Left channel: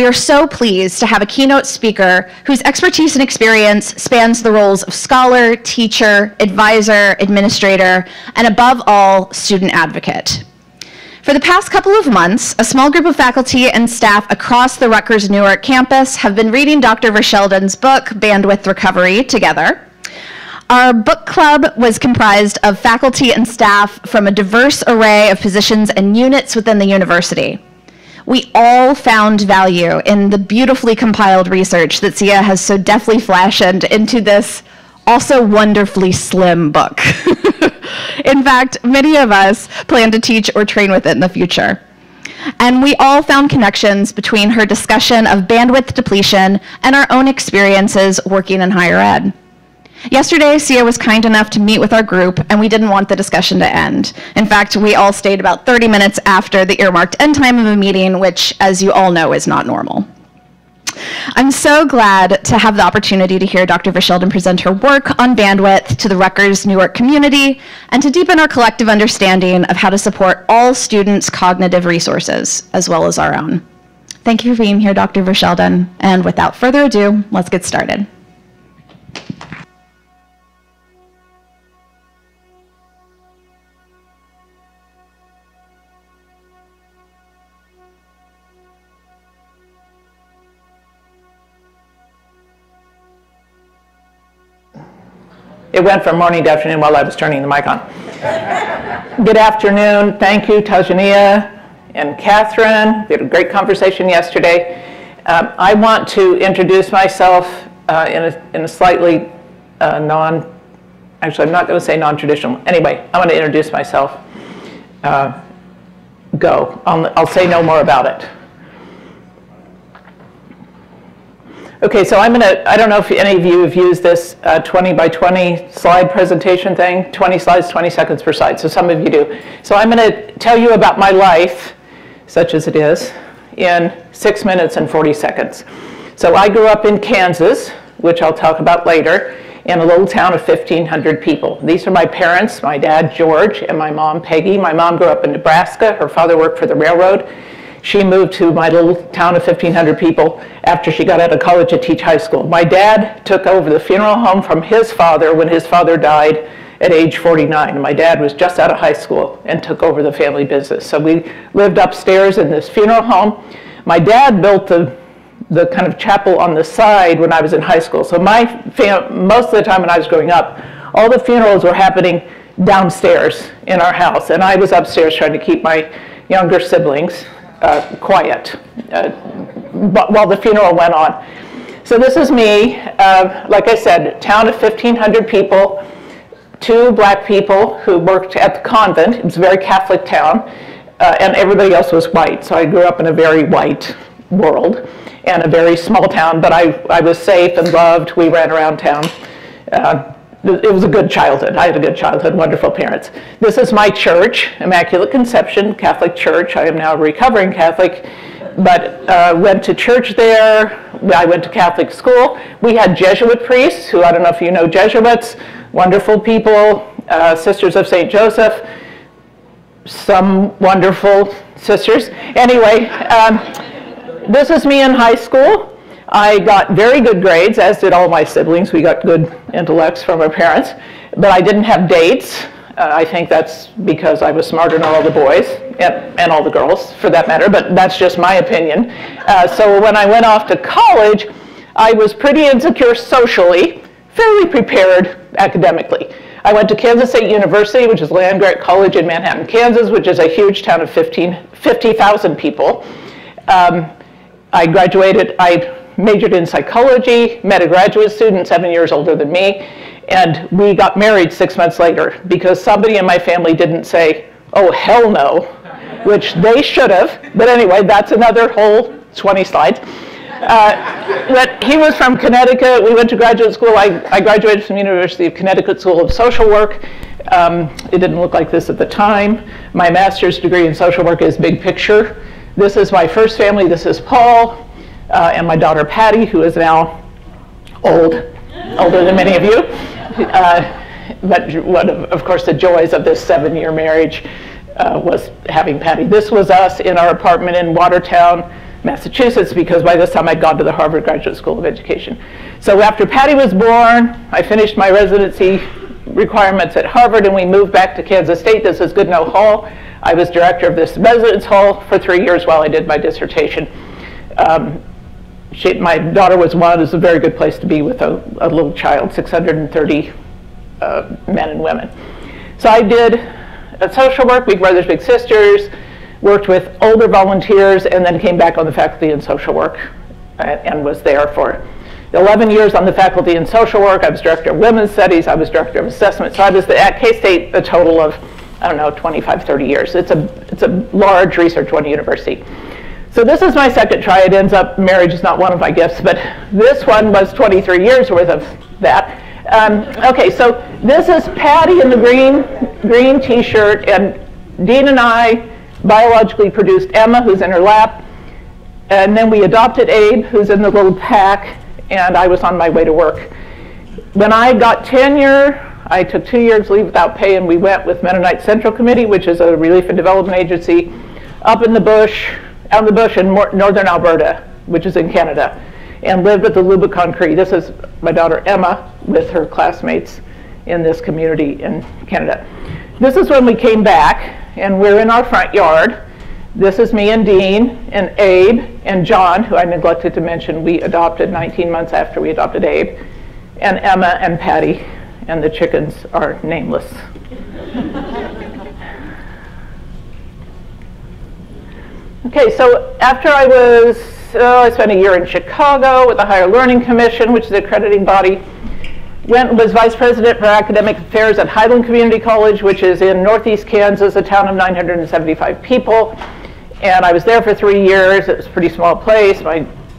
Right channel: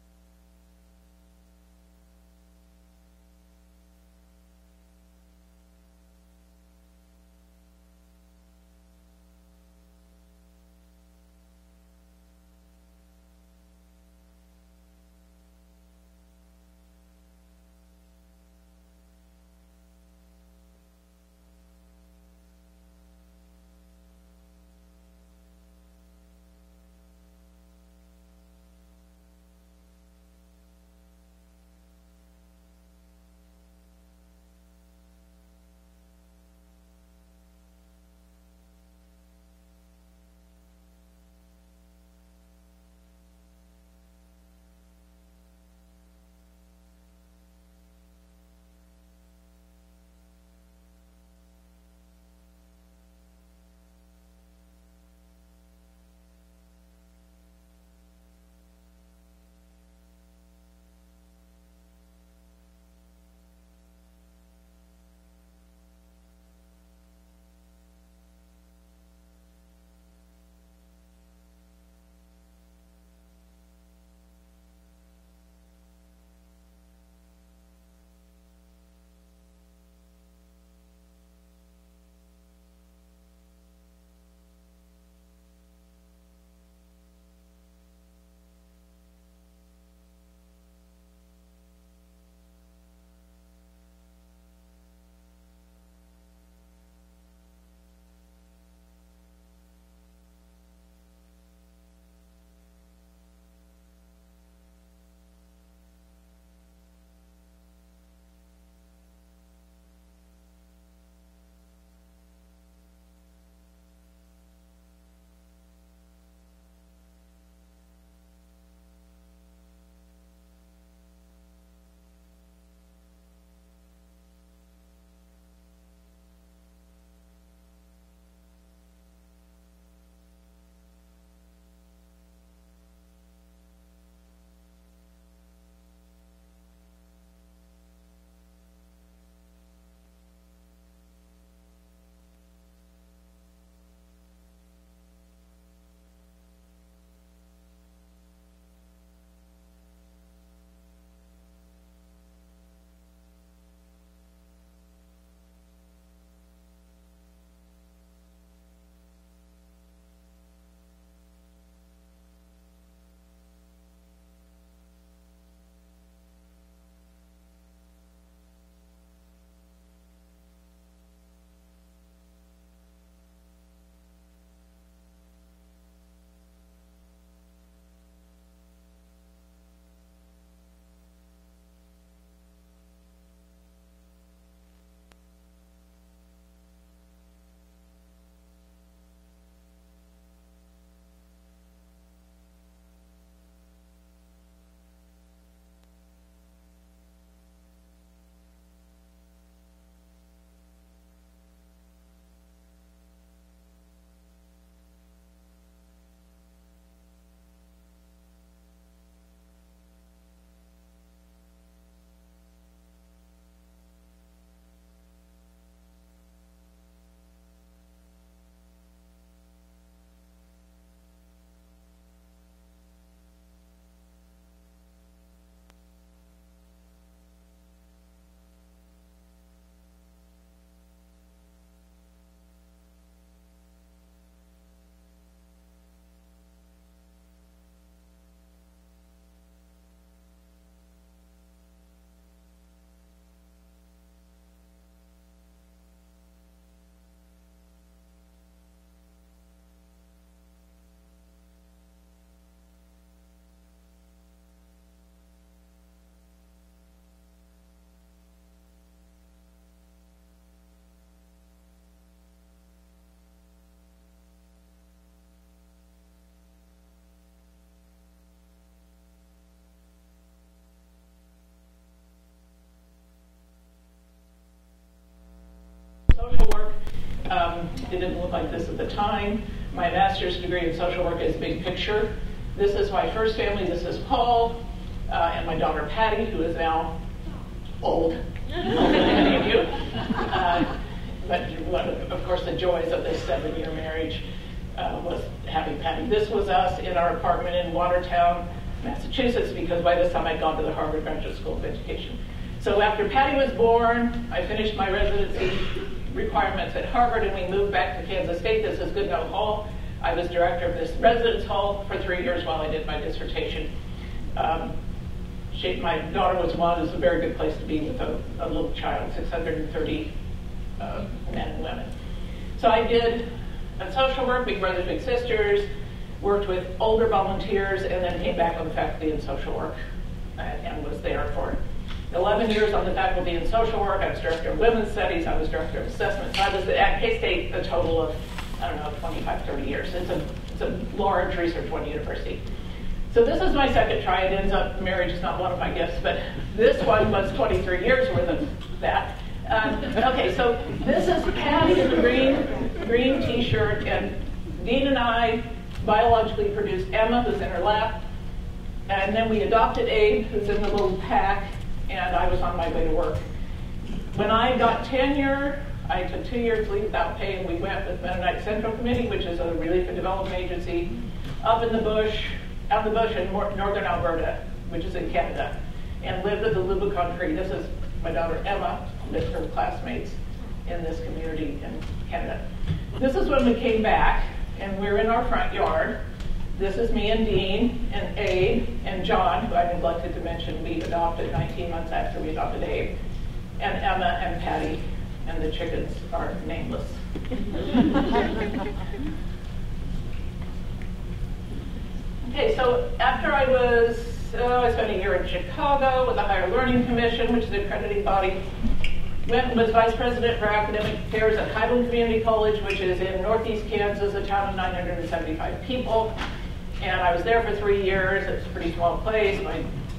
We are so pleased to have a keynote speaker whose expertise and experience spans the roles of scholar, teacher, advisor, administrator, and above all, student advocate. For the past couple of months, a small group of faculty and staff across the Rutgers Newark campus have been reading Dr. Verschelden's book, Bandwidth Recovery, together. Our book club was comprised of faculty and staff from a diverse array of positions and units within the university. We all found value in the beautifully compiled research that Sia has so deftly fashioned into this also wonderfully slim book. In fact, many of us plan to teach or train with it in the future. And we all found connections between her discussion of bandwidth depletion and our own experiences working in higher ed. Yesterday, Sia was kind enough to meet with our group, and we didn't want the discussion to end. In fact, we all stayed about 30 minutes after the earmarked end time of a meeting, which, as you all know, is not normal. I'm so glad to have the opportunity to hear Dr. Verschelden present her work on bandwidth to the Rutgers Newark community and to deepen our collective understanding of how to support all students' cognitive resources, as well as our own. Thank you for being here, Dr. Verschelden. And without further ado, let's get started. It went from morning to afternoon while I was turning the mic on. Good afternoon. Thank you, Tajania and Catherine. We had a great conversation yesterday. I want to introduce myself in a slightly actually, I'm not going to say non-traditional. Anyway, I want to introduce myself. I'll say no more about it. Okay, so I don't know if any of you have used this 20 by 20 slide presentation thing, 20 slides, 20 seconds per slide, so some of you do. So I'm going to tell you about my life, such as it is, in 6 minutes and 40 seconds. So I grew up in Kansas, which I'll talk about later, in a little town of 1,500 people. These are my parents, my dad, George, and my mom, Peggy. My mom grew up in Nebraska. Her father worked for the railroad. She moved to my little town of 1,500 people after she got out of college to teach high school. My dad took over the funeral home from his father when his father died at age 49. My dad was just out of high school and took over the family business. So we lived upstairs in this funeral home. My dad built the kind of chapel on the side when I was in high school. So most of the time when I was growing up, all the funerals were happening downstairs in our house. And I was upstairs trying to keep my younger siblings quiet while the funeral went on. So this is me, like I said, town of 1,500 people, 2 black people who worked at the convent. It was a very Catholic town, and everybody else was white. So I grew up in a very white world and a very small town, but I was safe and loved. We ran around town. It was a good childhood. I had a good childhood, wonderful parents. This is my church, Immaculate Conception Catholic Church. I am now a recovering Catholic, but went to church there. I went to Catholic school. We had Jesuit priests, who I don't know if you know Jesuits, wonderful people, Sisters of St. Joseph, some wonderful sisters. Anyway, this is me in high school. I got very good grades, as did all my siblings. We got good intellects from our parents, but I didn't have dates. I think that's because I was smarter than all the boys, and all the girls, for that matter, but that's just my opinion. So when I went off to college, I was pretty insecure socially, fairly prepared academically. I went to Kansas State University, which is land-grant college in Manhattan, Kansas, which is a huge town of 50,000 people. I graduated, I majored in psychology, met a graduate student 7 years older than me, and we got married 6 months later because somebody in my family didn't say, oh, hell no, which they should have. But anyway, that's another whole 20 slides. But he was from Connecticut. We went to graduate school. I graduated from the University of Connecticut School of Social Work. It didn't look like this at the time. My master's degree in social work is big picture. This is my first family. This is Paul. And my daughter Patty, who is now older than many of you. But one of course, the joys of this 7-year marriage was having Patty. This was us in our apartment in Watertown, Massachusetts, because by this time I'd gone to the Harvard Graduate School of Education. So after Patty was born, I finished my residency requirements at Harvard, and we moved back to Kansas State. This is Goodnow Hall. I was director of this residence hall for 3 years while I did my dissertation. My daughter was one. It was a very good place to be with a little child, 630 men and women. So I did social work, Big Brothers Big Sisters, worked with older volunteers, and then came back on the faculty in social work and was there for 11 years on the faculty in social work. I was director of women's studies. I was director of assessment. So I was at K-State a total of, I don't know, 25, 30 years. It's a large research-oriented university. So this is my second try. It ends up, marriage is not one of my gifts, but this one was 23 years worth of that. Okay, so this is Patty in the green t-shirt, and Dean and I biologically produced Emma, who's in her lap, and then we adopted Abe, who's in the little pack, and I was on my way to work. When I got tenure, I took 2 years leave without pay, and we went with Mennonite Central Committee, which is a relief and development agency, up in the bush, out in the bush in northern Alberta, which is in Canada, and lived at the Lubicon Cree. This is my daughter Emma with her classmates in this community in Canada. This is when we came back, and we're in our front yard. This is me and Dean and Abe and John, who I neglected to mention we adopted 19 months after we adopted Abe, and Emma and Patty, and the chickens are nameless. Okay, so after I spent a year in Chicago with the Higher Learning Commission, which is an accrediting body. Was vice president for academic affairs at Highland Community College, which is in northeast Kansas, a town of 975 people. And I was there for 3 years. It was a pretty small place.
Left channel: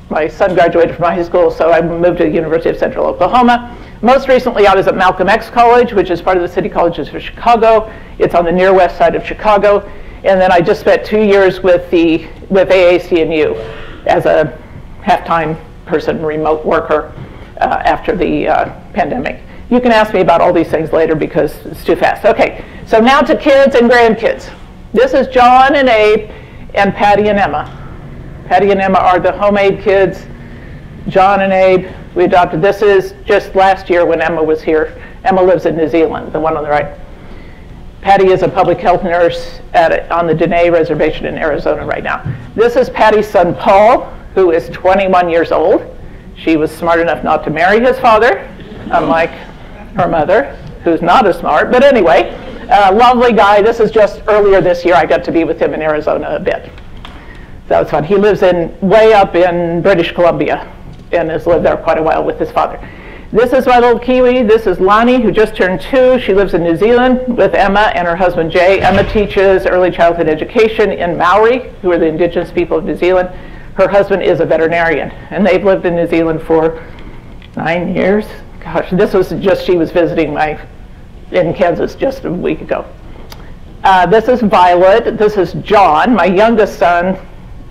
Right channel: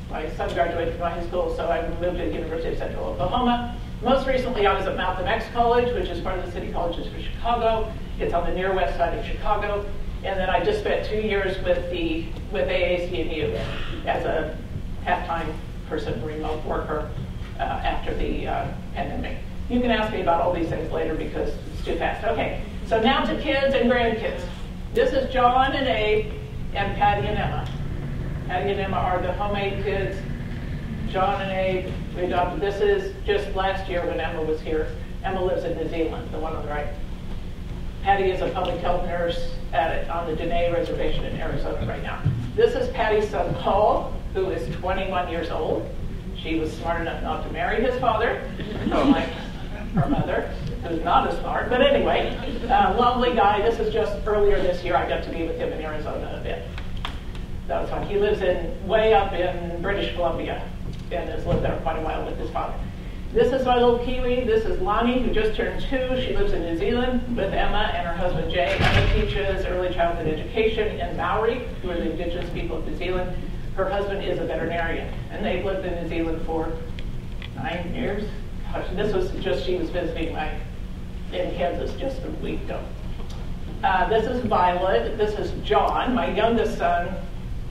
My son graduated from high school, so I moved to the University of Central Oklahoma. Most recently, I was at Malcolm X College, which is part of the City Colleges of Chicago. It's on the near west side of Chicago. And then I just spent 2 years with AAC&U as a half-time person, remote worker after the pandemic. You can ask me about all these things later because it's too fast. Okay, so now to kids and grandkids. This is John and Abe and Patty and Emma. Patty and Emma are the homemade kids. John and Abe, we adopted. This is just last year when Emma was here. Emma lives in New Zealand, the one on the right. Patty is a public health nurse on the Dene Reservation in Arizona right now. This is Patty's son, Paul, who is 21 years old. She was smart enough not to marry his father, unlike her mother, who's not as smart. But anyway, lovely guy. This is just earlier this year. I got to be with him in Arizona a bit. That was fun. He lives way up in British Columbia and has lived there quite a while with his father. This is my little Kiwi. This is Lonnie, who just turned 2. She lives in New Zealand with Emma and her husband, Jay. Emma teaches early childhood education in Maori, who are the indigenous people of New Zealand. Her husband is a veterinarian, and they've lived in New Zealand for 9 years. Gosh, this was just, she was visiting in Kansas just a week ago. This is Violet. This is John, my youngest son,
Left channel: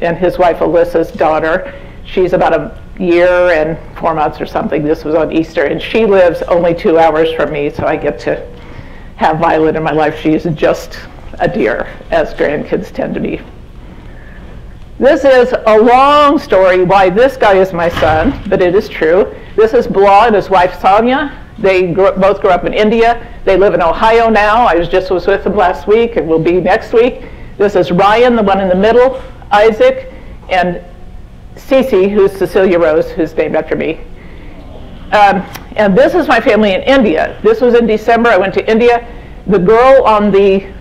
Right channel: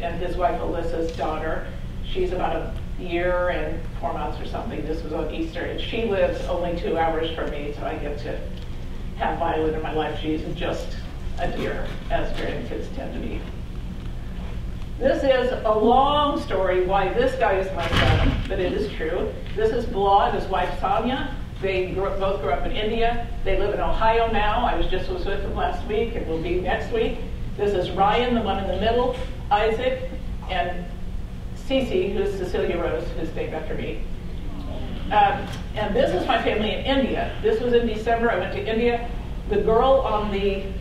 and his wife, Alyssa's daughter. She's about a year and 4 months or something. This was on Easter, and she lives only 2 hours from me, so I get to have Violet in my life. She's just a dear, as grandkids tend to be. This is a long story why this guy is my son, but it is true. This is Bilal and his wife Sonia. They both grew up in India. They live in Ohio now. I was with them last week and will be next week. This is Ryan, the one in the middle, Isaac, and Cece, who's Cecilia Rose, who's named after me. And this is my family in India. This was in December. I went to India. The girl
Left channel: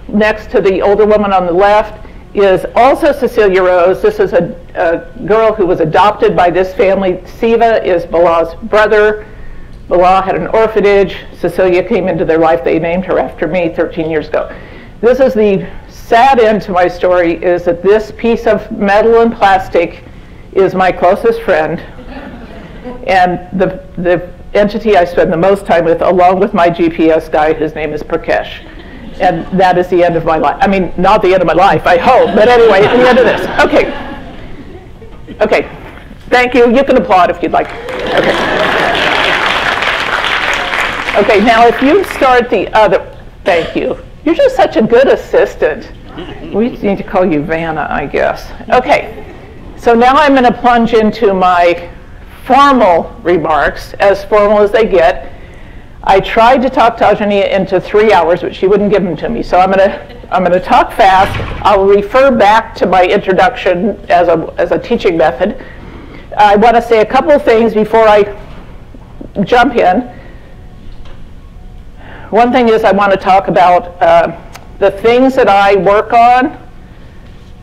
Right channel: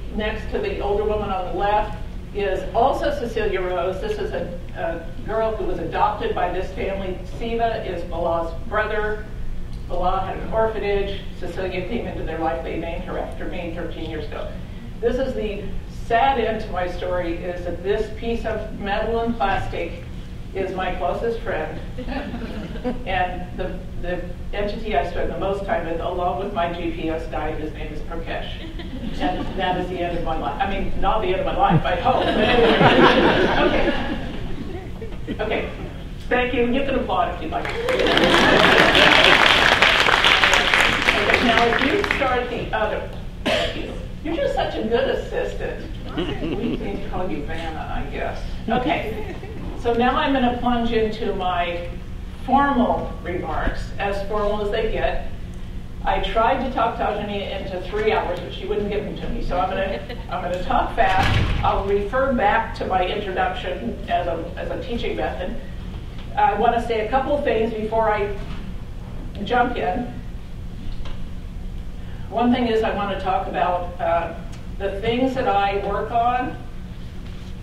next to the older woman on the left is also Cecilia Rose. This is a girl who was adopted by this family. Siva is Bilal's brother. Bilal had an orphanage. Cecilia came into their life. They named her after me 13 years ago. This is the sad end to my story, is that this piece of metal and plastic is my closest friend and the entity I spend the most time with, along with my GPS guy, his name is Prakash. And that is the end of my life. I mean, not the end of my life, I hope, but anyway, the end of this. Okay. Okay. Thank you. You can applaud if you'd like. Okay, now if you start the other, thank you. You're just such a good assistant. We need to call you Vanna, I guess. Okay. So now I'm going to plunge into my formal remarks, as formal as they get. I tried to talk Tajania into 3 hours, but she wouldn't give them to me. So I'm going to talk fast. I'll refer back to my introduction as a teaching method. I want to say a couple of things before I jump in. One thing is I want to talk about the things that I work on,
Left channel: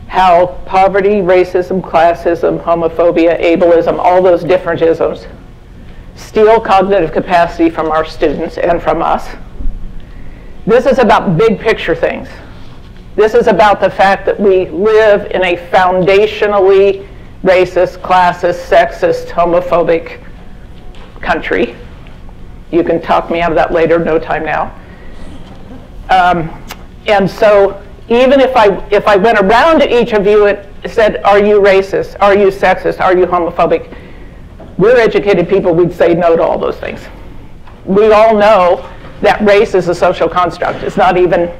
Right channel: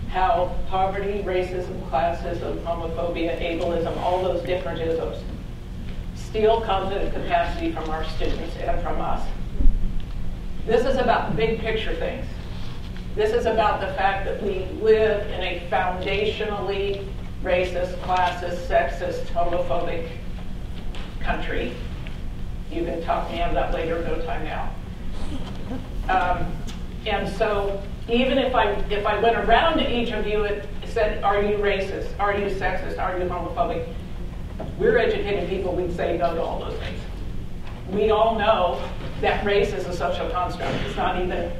how poverty, racism, classism, homophobia, ableism, all those different isms steal cognitive capacity from our students and from us. This is about big picture things. This is about the fact that we live in a foundationally racist, classist, sexist, homophobic country. You can talk me out of that later, no time now. And so even if I went around to each of you and said, are you racist? Are you sexist? Are you homophobic? We're educated people, we'd say no to all those things. We all know that race is a social construct. It's not even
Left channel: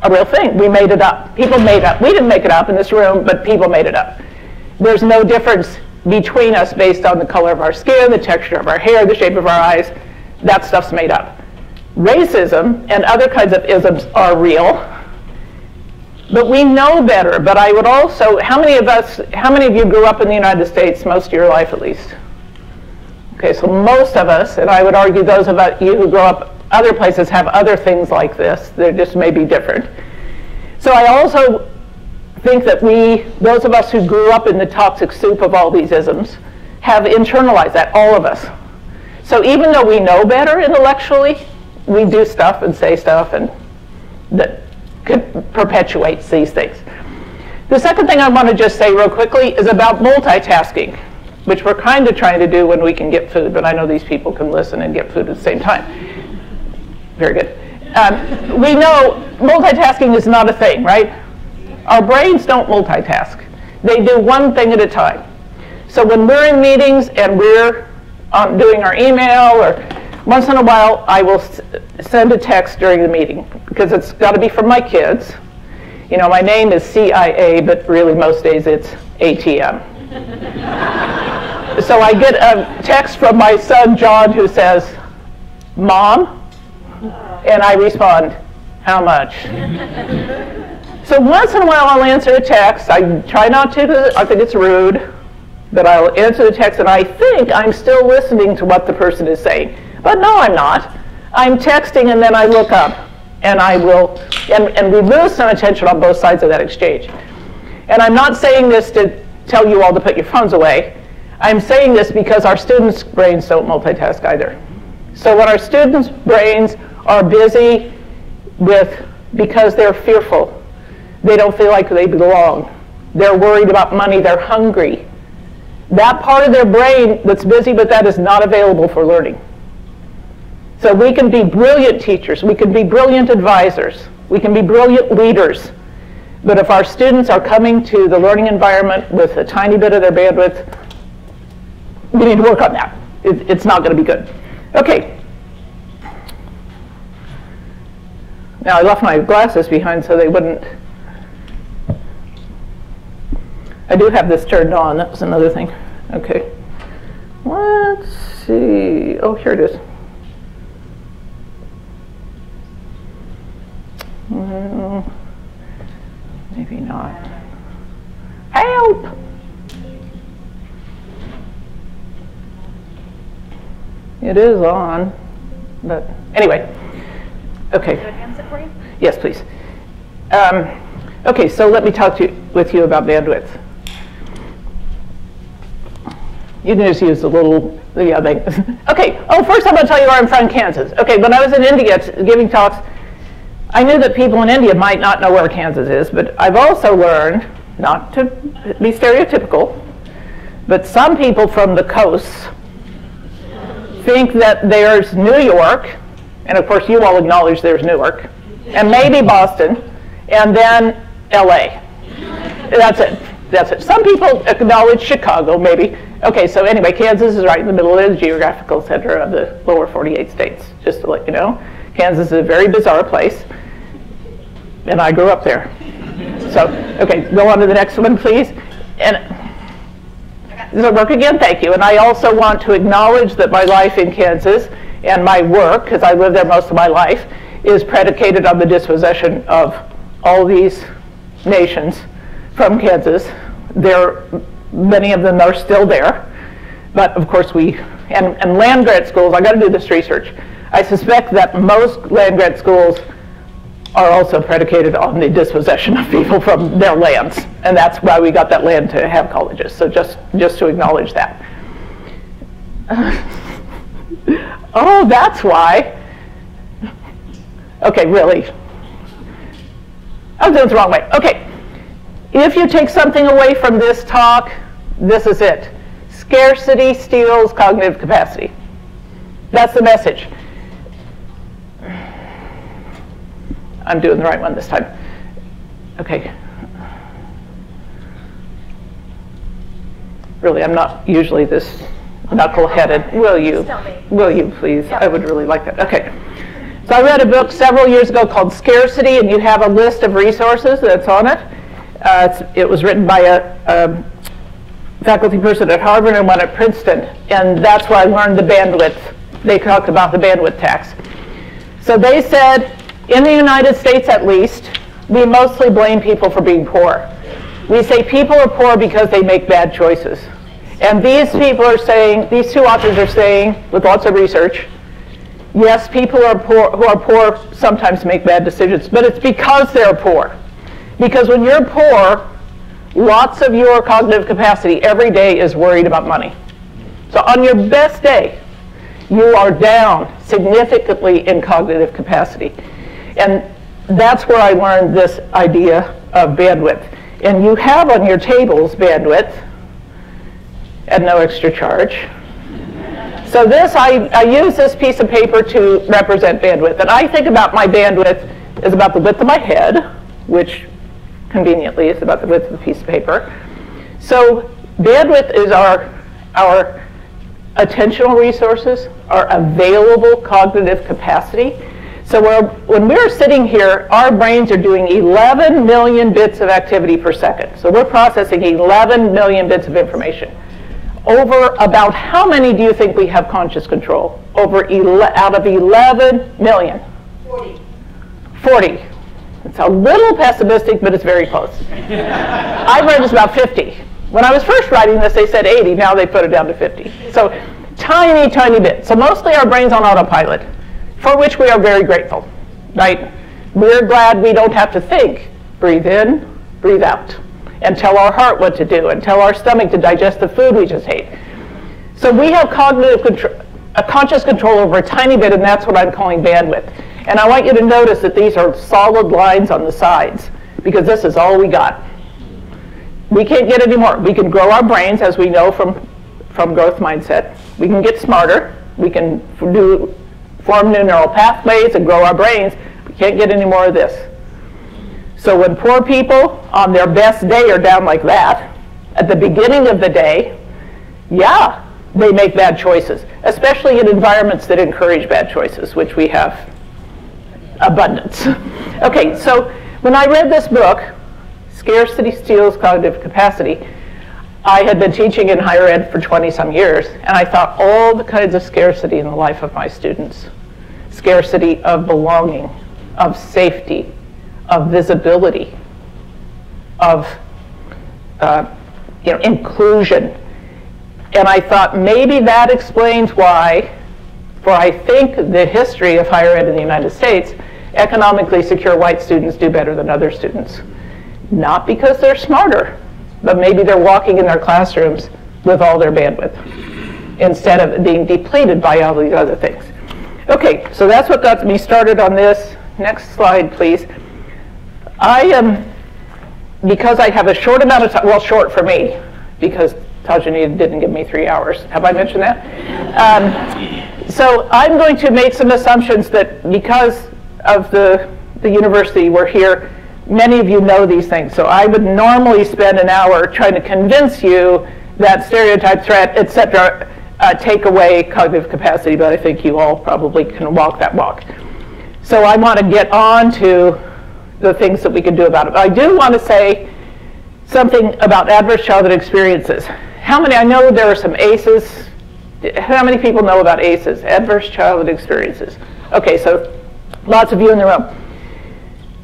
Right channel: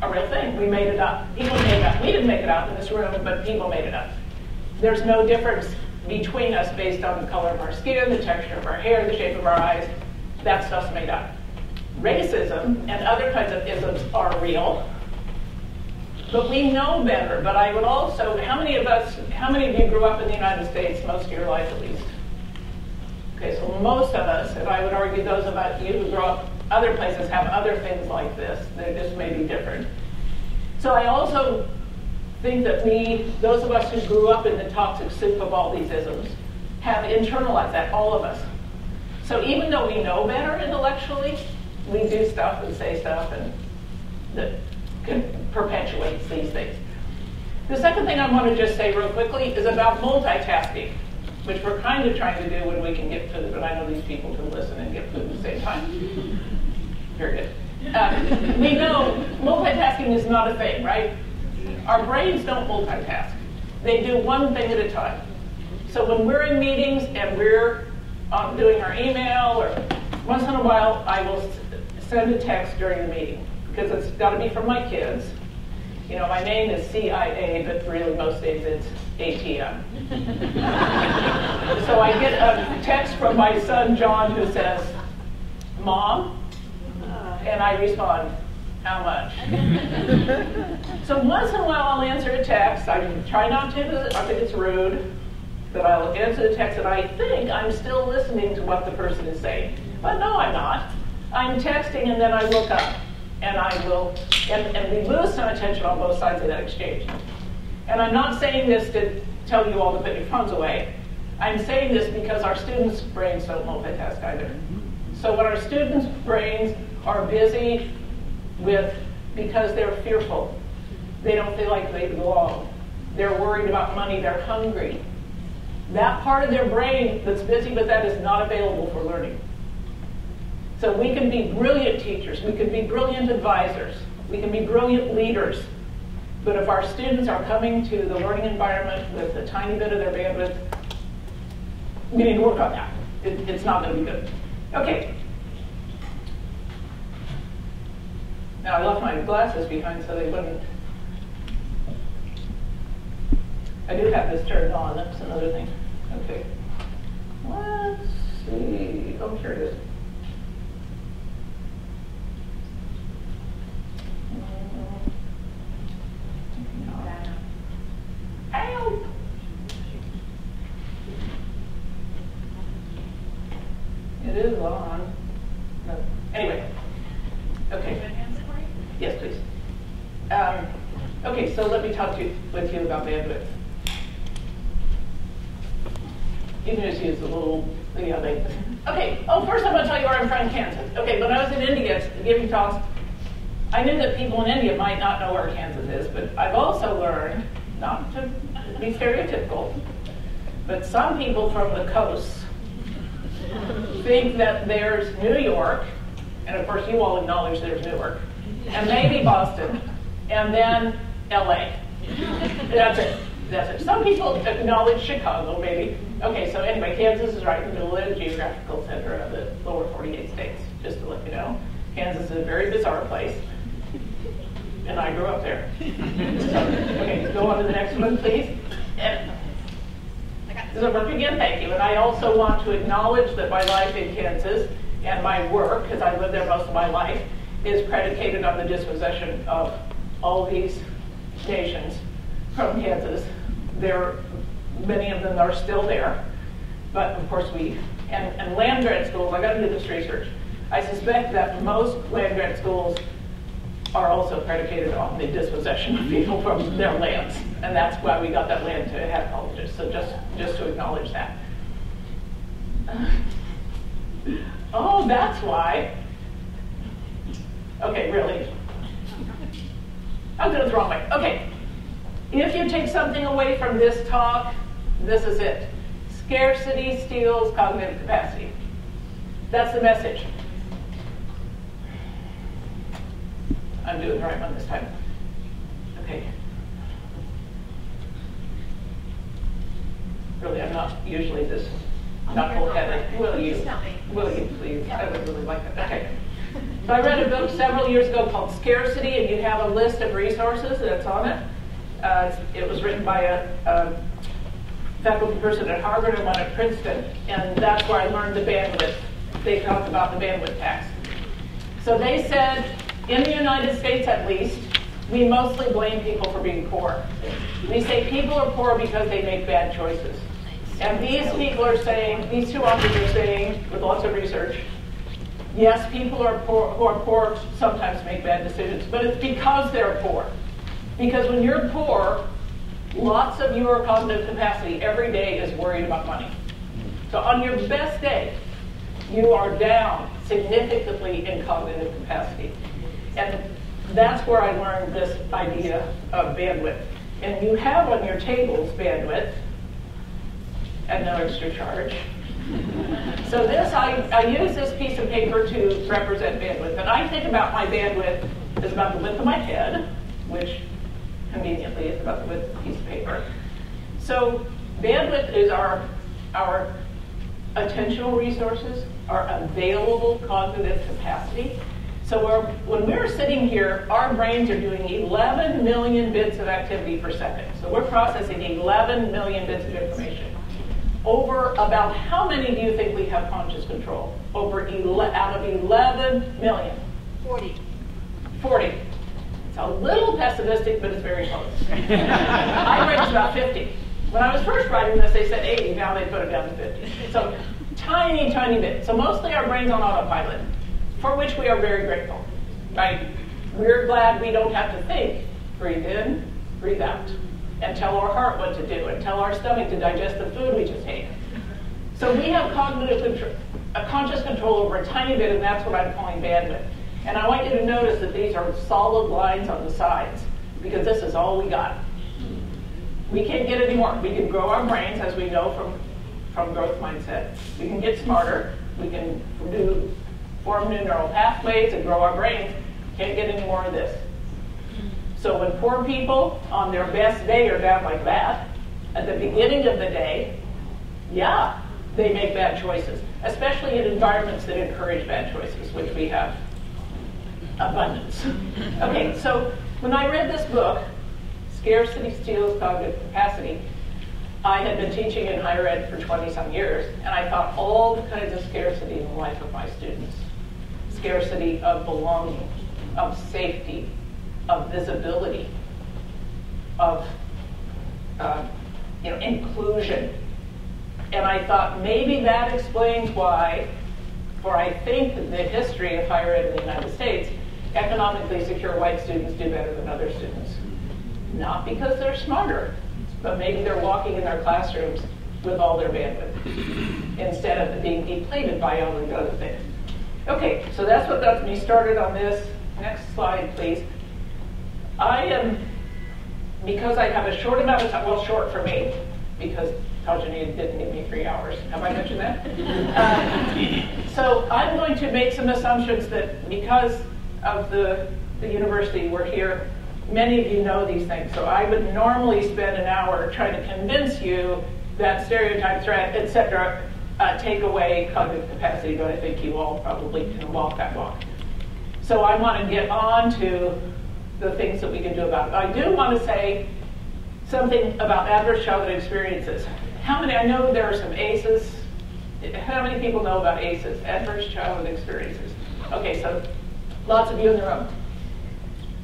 a real thing. We made it up. People made it up. We didn't make it up in this room, but people made it up. There's no difference between us based on the color of our skin, the texture of our hair, the shape of our eyes. That stuff's made up. Racism and other kinds of isms are real, but we know better. But I would also, how many of you grew up in the United States most of your life at least? Okay, so most of us, and I would argue those of you who grow up other places have other things like this. They just may be different. So I also think that those of us who grew up in the toxic soup of all these isms, have internalized that, all of us. So even though we know better intellectually, we do stuff and say stuff and that perpetuates these things. The second thing I want to just say real quickly is about multitasking, which we're kind of trying to do when we can get food, but I know these people can listen and get food at the same time. Very good. We know multitasking is not a thing, right? Our brains don't multitask. They do one thing at a time. So when we're in meetings and we're doing our email, or once in a while I will send a text during the meeting because it's got to be from my kids. You know, my name is CIA, but really most days it's ATM. So I get a text from my son John who says, "Mom," and I respond, "How much?" So once in a while I'll answer a text. I try not to because I think it's rude, but I'll answer the text and I think I'm still listening to what the person is saying. But no, I'm not. I'm texting and then I look up and I will, and we lose some attention on both sides of that exchange. And I'm not saying this to tell you all to put your phones away. I'm saying this because our students' brains don't multitask either. So when our students' brains are busy because they're fearful, they don't feel like they belong, they're worried about money, they're hungry, that part of their brain that's busy with that is not available for learning. So we can be brilliant teachers, we can be brilliant advisors, we can be brilliant leaders, but if our students are coming to the learning environment with a tiny bit of their bandwidth, we need to work on that. It's not going to be good. Okay. Now I left my glasses behind so they wouldn't. I do have this turned on, that was another thing. Okay. Let's see. Oh, here it is. Maybe not. Help! It is on, but anyway. Okay. Can I answer for you? Yes, please. Okay, so let me talk with you about bandwidth. You can just use the little thing. Okay, first I'm going to tell you where I'm from, Kansas. Okay, when I was in India giving talks, I knew that people in India might not know where Kansas is, but I've also learned, not to be stereotypical, but some people from the coasts think that there's New York, and of course you all acknowledge there's Newark, and maybe Boston, and then LA. That's it. That's it. Some people acknowledge Chicago, maybe. Okay, so anyway, Kansas is right in the middle of the geographical center of the lower 48 states, just to let you know. Kansas is a very bizarre place, and I grew up there. So, okay, go on to the next one, please. And So work again, thank you. And I also want to acknowledge that my life in Kansas and my work, because I lived there most of my life, is predicated on the dispossession of all these nations from Kansas. Many of them are still there. But of course and land grant schools, I got to do this research. I suspect that most land grant schools are also predicated on the dispossession of people from their lands. And that's why we got that land to have colleges. So just to acknowledge that. Oh, that's why. Okay, really. I was doing it the wrong way. Okay. If you take something away from this talk, this is it. Scarcity steals cognitive capacity. That's the message. I'm doing the right one this time. Okay. Really, I'm not usually this knuckle-headed. Will you please? I would really like that. Okay. So I read a book several years ago called Scarcity, and you have a list of resources that's on it. It was written by a faculty person at Harvard and one at Princeton, and that's where I learned the bandwidth. They talked about the bandwidth tax. So they said, in the United States at least, we mostly blame people for being poor. We say people are poor because they make bad choices. And these people are saying, these two authors are saying, with lots of research, yes, people who are poor sometimes make bad decisions, but it's because they're poor. Because when you're poor, lots of your cognitive capacity every day is worried about money. So on your best day, you are down significantly in cognitive capacity. And that's where I learned this idea of bandwidth. And you have on your tables bandwidth at no extra charge. So I use this piece of paper to represent bandwidth. And I think about my bandwidth as about the width of my head, which conveniently is about the width of the piece of paper. So bandwidth is our attentional resources, our available cognitive capacity. So when we're sitting here, our brains are doing 11 million bits of activity per second. So we're processing 11 million bits of information. Over about how many do you think we have conscious control? Out of 11 million? 40. 40. It's a little pessimistic, but it's very close. I've read it's about 50. When I was first writing this, they said 80. Now they put it down to 50. So tiny, tiny bit. So mostly our brain's on autopilot, for which we are very grateful, right? We're glad we don't have to think. Breathe in, breathe out, and tell our heart what to do, and tell our stomach to digest the food we just ate. So we have cognitive control, conscious control over a tiny bit, and that's what I'm calling bandwidth. And I want you to notice that these are solid lines on the sides, because this is all we got. We can't get any more. We can grow our brains, as we know from growth mindset. We can get smarter. We can form new neural pathways and grow our brains. We can't get any more of this. So when poor people on their best day are down like that, at the beginning of the day, yeah, they make bad choices, especially in environments that encourage bad choices, which we have abundance. Okay, so when I read this book, Scarcity Steals Cognitive Capacity, I had been teaching in higher ed for 20-some years, and I thought all the kinds of scarcity in the life of my students. Scarcity of belonging, of safety, of visibility, of inclusion. And I thought maybe that explains why, for I think the history of higher ed in the United States, economically secure white students do better than other students. Not because they're smarter, but maybe they're walking in their classrooms with all their bandwidth instead of being depleted by all these other things. Okay, so that's what got me started on this. Next slide, please. Because I have a short amount of time, well, short for me, because Tajani didn't give me 3 hours. Have I mentioned that? So I'm going to make some assumptions that because of the university we're here, many of you know these things. So I would normally spend an hour trying to convince you that stereotype, threat, et cetera, take away cognitive capacity, but I think you all probably can walk that walk. So I want to get on to the things that we can do about it. I do want to say something about adverse childhood experiences. how many, I know there are some ACEs. How many people know about ACEs, adverse childhood experiences? Okay, so lots of you in the room.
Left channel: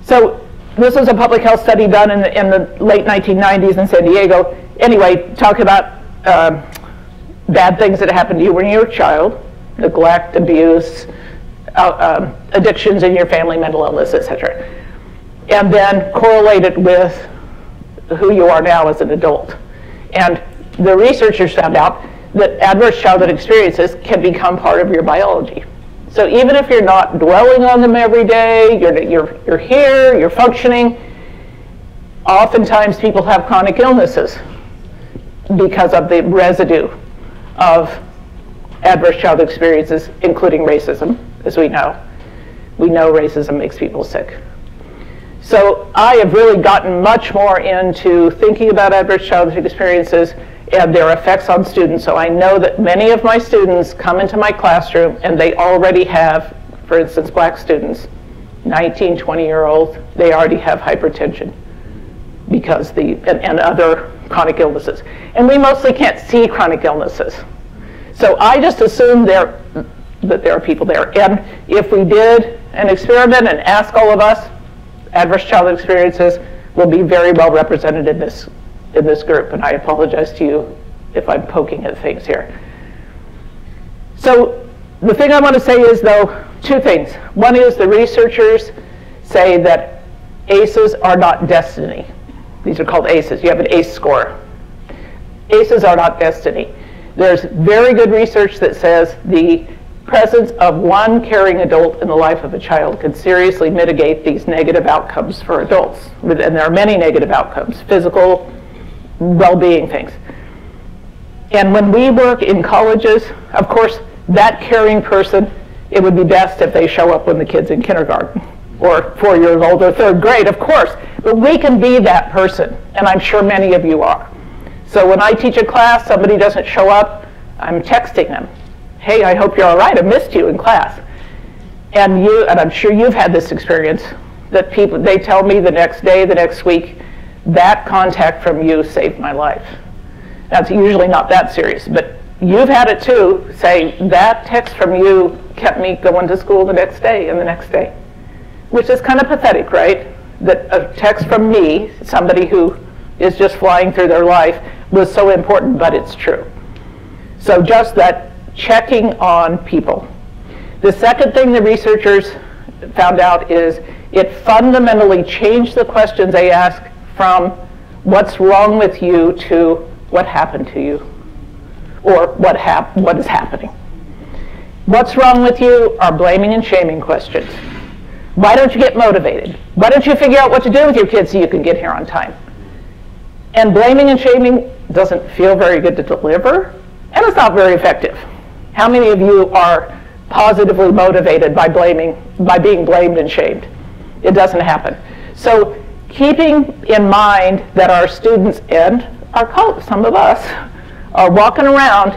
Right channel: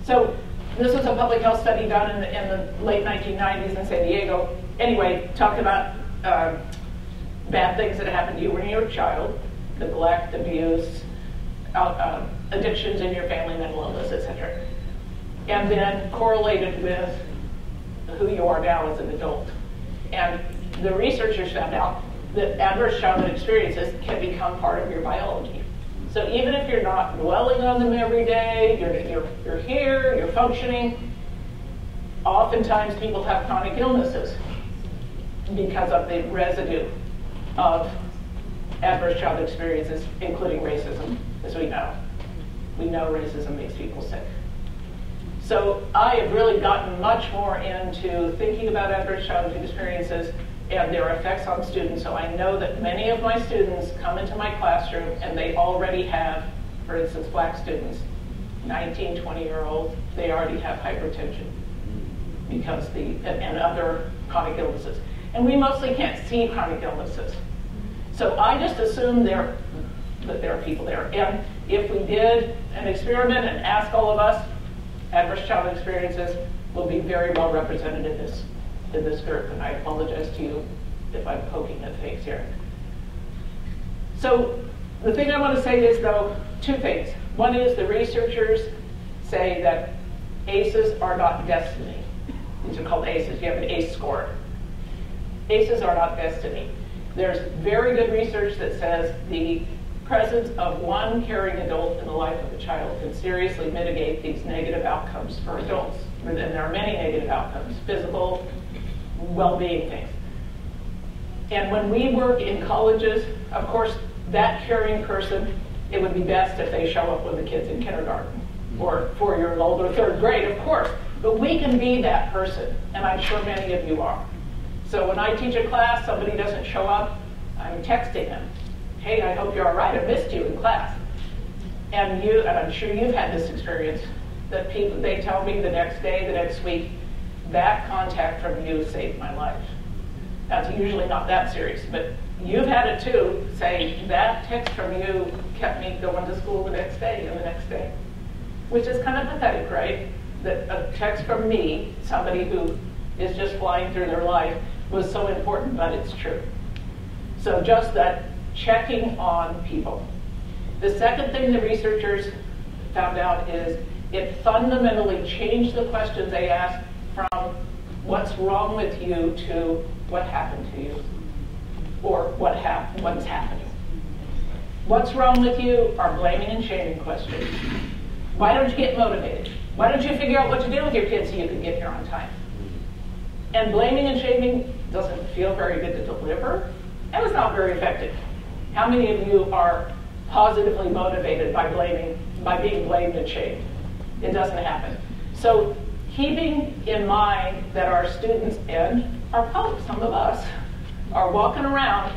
So this was a public health study done in the late 1990s in San Diego. Anyway, talking about bad things that happened to you when you were a child, neglect, abuse, addictions in your family, mental illness, etc. And then correlate it with who you are now as an adult. And the researchers found out that adverse childhood experiences can become part of your biology. So even if you're not dwelling on them every day, you're here, you're functioning, oftentimes people have chronic illnesses because of the residue of adverse childhood experiences, including racism, as we know. We know racism makes people sick. So I have really gotten much more into thinking about adverse childhood experiences and their effects on students. So I know that many of my students come into my classroom and they already have, for instance, black students, 19, 20-year-olds, they already have hypertension because and other chronic illnesses. And we mostly can't see chronic illnesses. So I just assume that there are people there. And if we did an experiment and asked all of us, adverse childhood experiences will be very well represented in this group, and I apologize to you if I'm poking at things here. So the thing I want to say is, though, two things. One is the researchers say that ACEs are not destiny. These are called ACEs. You have an ACE score. ACEs are not destiny. There's very good research that says the presence of one caring adult in the life of a child can seriously mitigate these negative outcomes for adults. And there are many negative outcomes, physical, well-being things. And when we work in colleges, of course, that caring person, it would be best if they show up when the kid's in kindergarten or 4 years old or third grade, of course. But we can be that person, and I'm sure many of you are. So when I teach a class, somebody doesn't show up, I'm texting them. Hey, I hope you're all right, I missed you in class. And I'm sure you've had this experience, that people, they tell me the next day, the next week, that contact from you saved my life. That's usually not that serious, but you've had it too, saying that text from you kept me going to school the next day and the next day. Which is kind of pathetic, right? That a text from me, somebody who is just flying through their life, was so important, but it's true. So just that checking on people. The second thing the researchers found out is it fundamentally changed the questions they ask from what's wrong with you to what happened to you, or what is happening. What's wrong with you are blaming and shaming questions. Why don't you get motivated? Why don't you figure out what to do with your kids so you can get here on time? And blaming and shaming doesn't feel very good to deliver, and it's not very effective. How many of you are positively motivated by being blamed and shamed? It doesn't happen. So keeping in mind that our students and some of us are walking around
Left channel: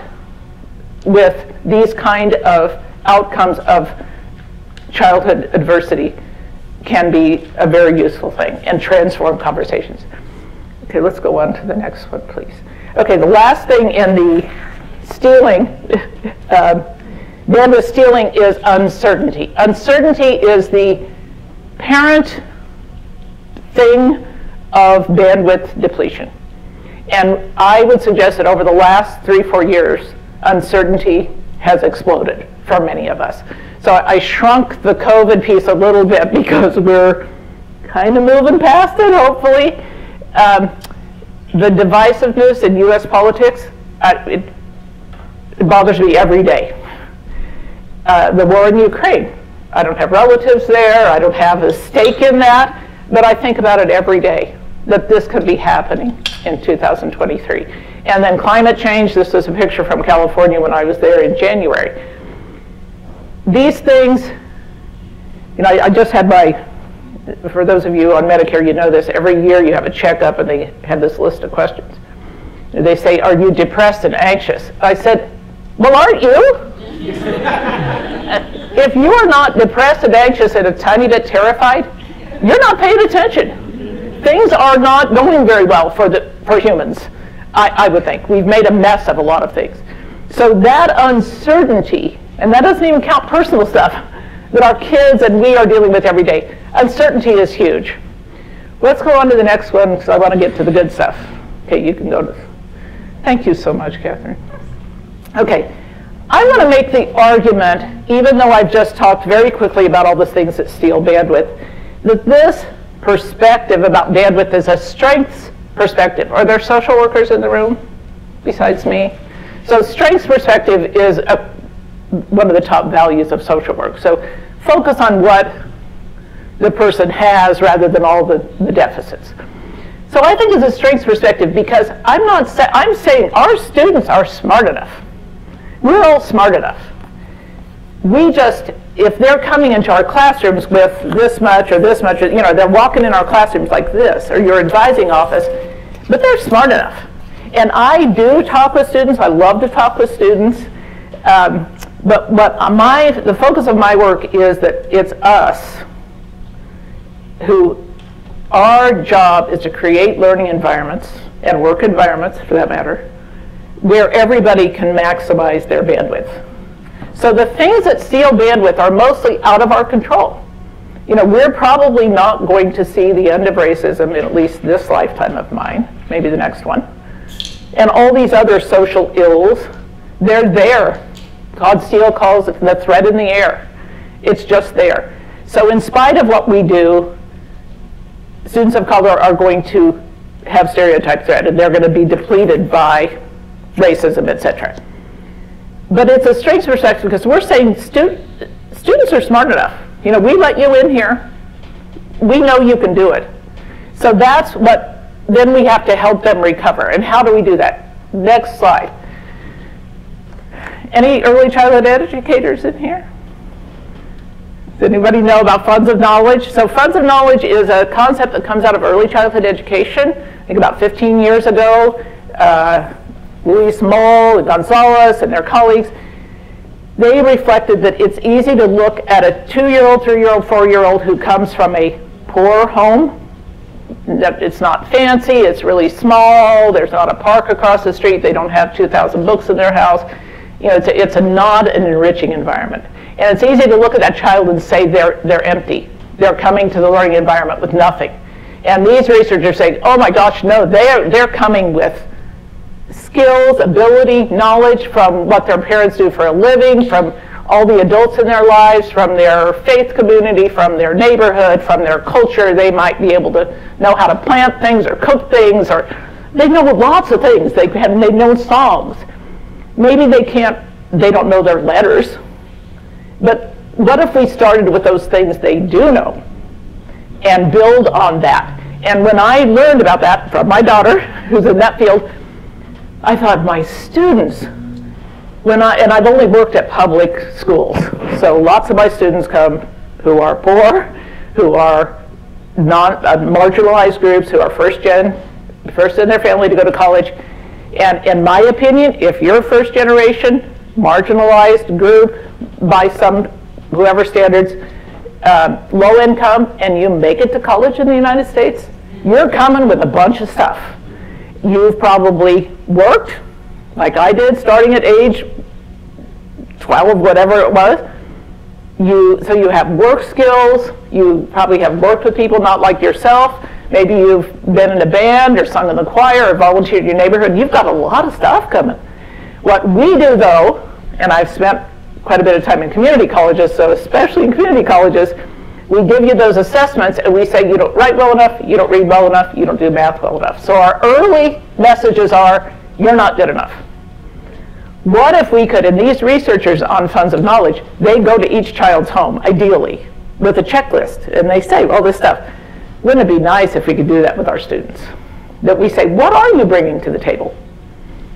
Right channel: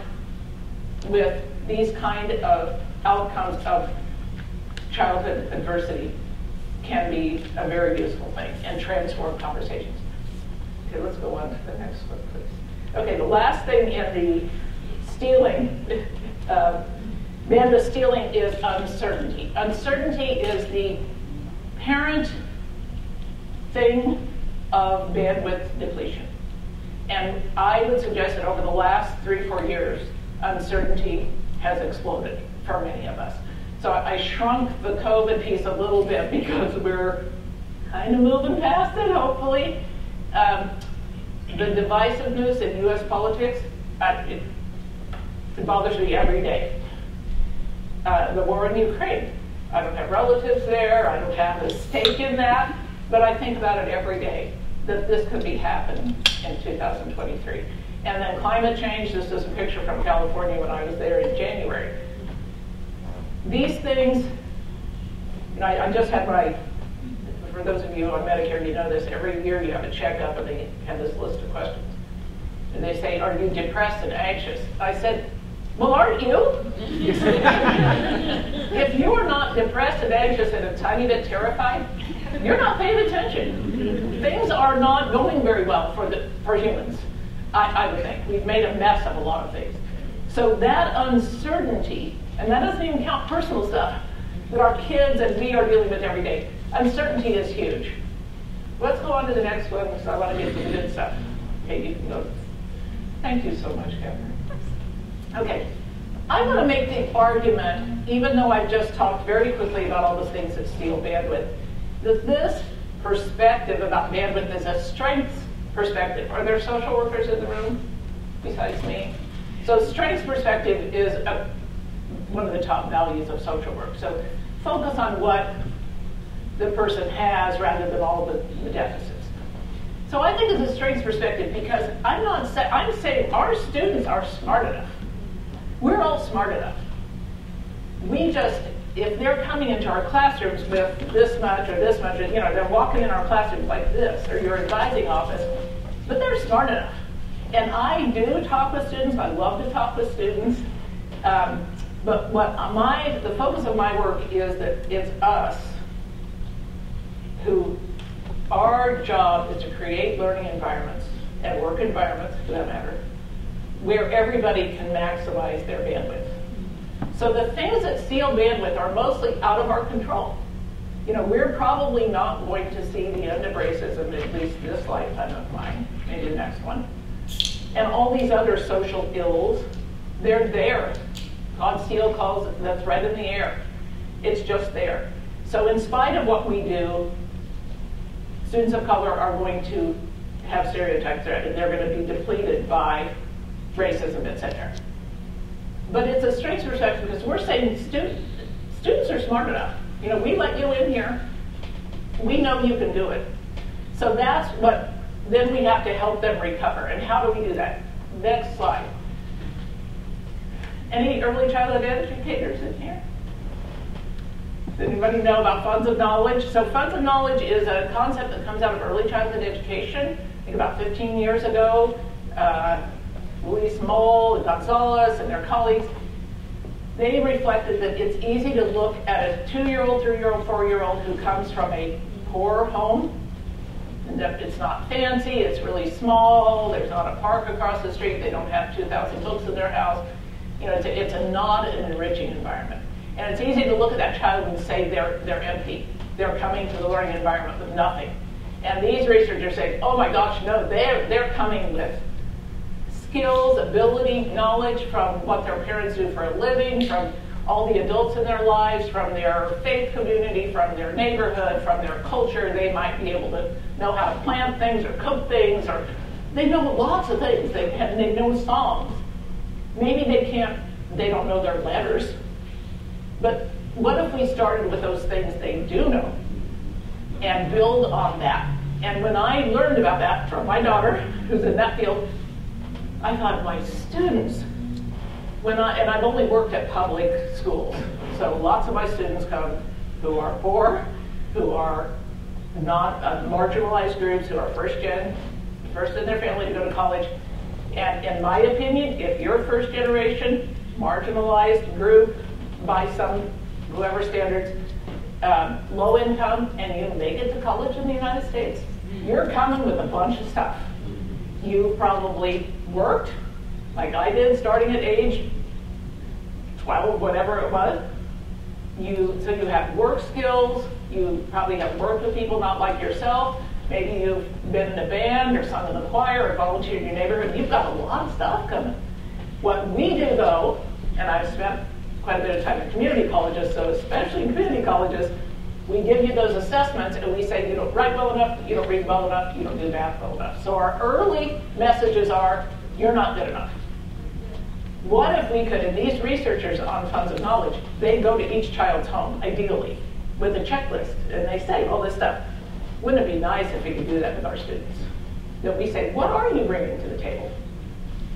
with these kind of outcomes of childhood adversity can be a very useful thing and transform conversations. Okay, let's go on to the next one, please. Okay, the last thing in the stealing, bandwidth stealing is uncertainty. Uncertainty is the parent thing of bandwidth depletion. And I would suggest that over the last 3-4 years, uncertainty has exploded for many of us. So I shrunk the COVID piece a little bit because we're kind of moving past it, hopefully. The divisiveness in US politics, it bothers me every day. The war in Ukraine, I don't have relatives there, I don't have a stake in that, but I think about it every day, that this could be happening in 2023. And then climate change, this is a picture from California when I was there in January. These things, you know, I just had for those of you on Medicare, you know this, every year you have a checkup and they have this list of questions. They say, are you depressed and anxious? I said, well, aren't you? If you are not depressed and anxious and a tiny bit terrified, you're not paying attention. Things are not going very well for humans. I would think. We've made a mess of a lot of things. So that uncertainty, and that doesn't even count personal stuff that our kids and we are dealing with every day. Uncertainty is huge. Let's go on to the next one, because I want to get to the good stuff. Okay, you can go to. Thank you so much, Catherine. Okay, I want to make the argument, even though I've just talked very quickly about all the things that steal bandwidth, that this perspective about bandwidth is a strengths perspective. Are there social workers in the room besides me? So strengths perspective is one of the top values of social work. So focus on what the person has rather than all the deficits. So I think it's a strengths perspective because I'm saying our students are smart enough. We're all smart enough. We just, if they're coming into our classrooms with this much or this much, you know, they're walking in our classrooms like this, or your advising office, but they're smart enough. And I do talk with students. I love to talk with students. But the focus of my work is that it's us who, our job is to create learning environments and work environments, for that matter, where everybody can maximize their bandwidth. So the things that steal bandwidth are mostly out of our control. You know, we're probably not going to see the end of racism in at least this lifetime of mine, maybe the next one. And all these other social ills, they're there. Todd Steele calls it the threat in the air. It's just there. So in spite of what we do, students of color are going to have stereotype threat, and they're going to be depleted by racism, etc. But it's a strengths perspective because we're saying students are smart enough. You know, we let you in here. We know you can do it. So that's what, then we have to help them recover. And how do we do that? Next slide. Any early childhood educators in here? Does anybody know about funds of knowledge? So funds of knowledge is a concept that comes out of early childhood education. I think about 15 years ago, Luis Moll, Gonzalez, and their colleagues, they reflected that it's easy to look at a 2-year-old, 3-year-old, 4-year-old who comes from a poor home. It's not fancy, it's really small, there's not a park across the street, they don't have 2,000 books in their house. You know, it's a not an enriching environment. And it's easy to look at that child and say they're empty. They're coming to the learning environment with nothing. And these researchers say, oh my gosh, no, they're coming with skills, ability, knowledge from what their parents do for a living, from all the adults in their lives, from their faith community, from their neighborhood, from their culture. They might be able to know how to plant things or cook things, or they know lots of things. They know songs. Maybe they don't know their letters. But what if we started with those things they do know and build on that? And when I learned about that from my daughter, who's in that field, I thought, my students, and I've only worked at public schools, so lots of my students come who are poor, who are marginalized groups, who are first in their family to go to college. And in my opinion, if you're first generation, marginalized group by some, whoever standards, low income, and you make it to college in the United States, you're coming with a bunch of stuff. You've probably worked, like I did, starting at age 12, whatever it was. So you have work skills. You probably have worked with people not like yourself. Maybe you've been in a band or sung in the choir or volunteered in your neighborhood. You've got a lot of stuff coming. What we do, though, and I've spent quite a bit of time in community colleges, so especially in community colleges, we give you those assessments and we say you don't write well enough, you don't read well enough, you don't do math well enough. So our early messages are, you're not good enough. What if we could, and these researchers on funds of knowledge, they go to each child's home, ideally, with a checklist, and they say all this stuff. Wouldn't it be nice if we could do that with our students? That we say, what are you bringing to the table?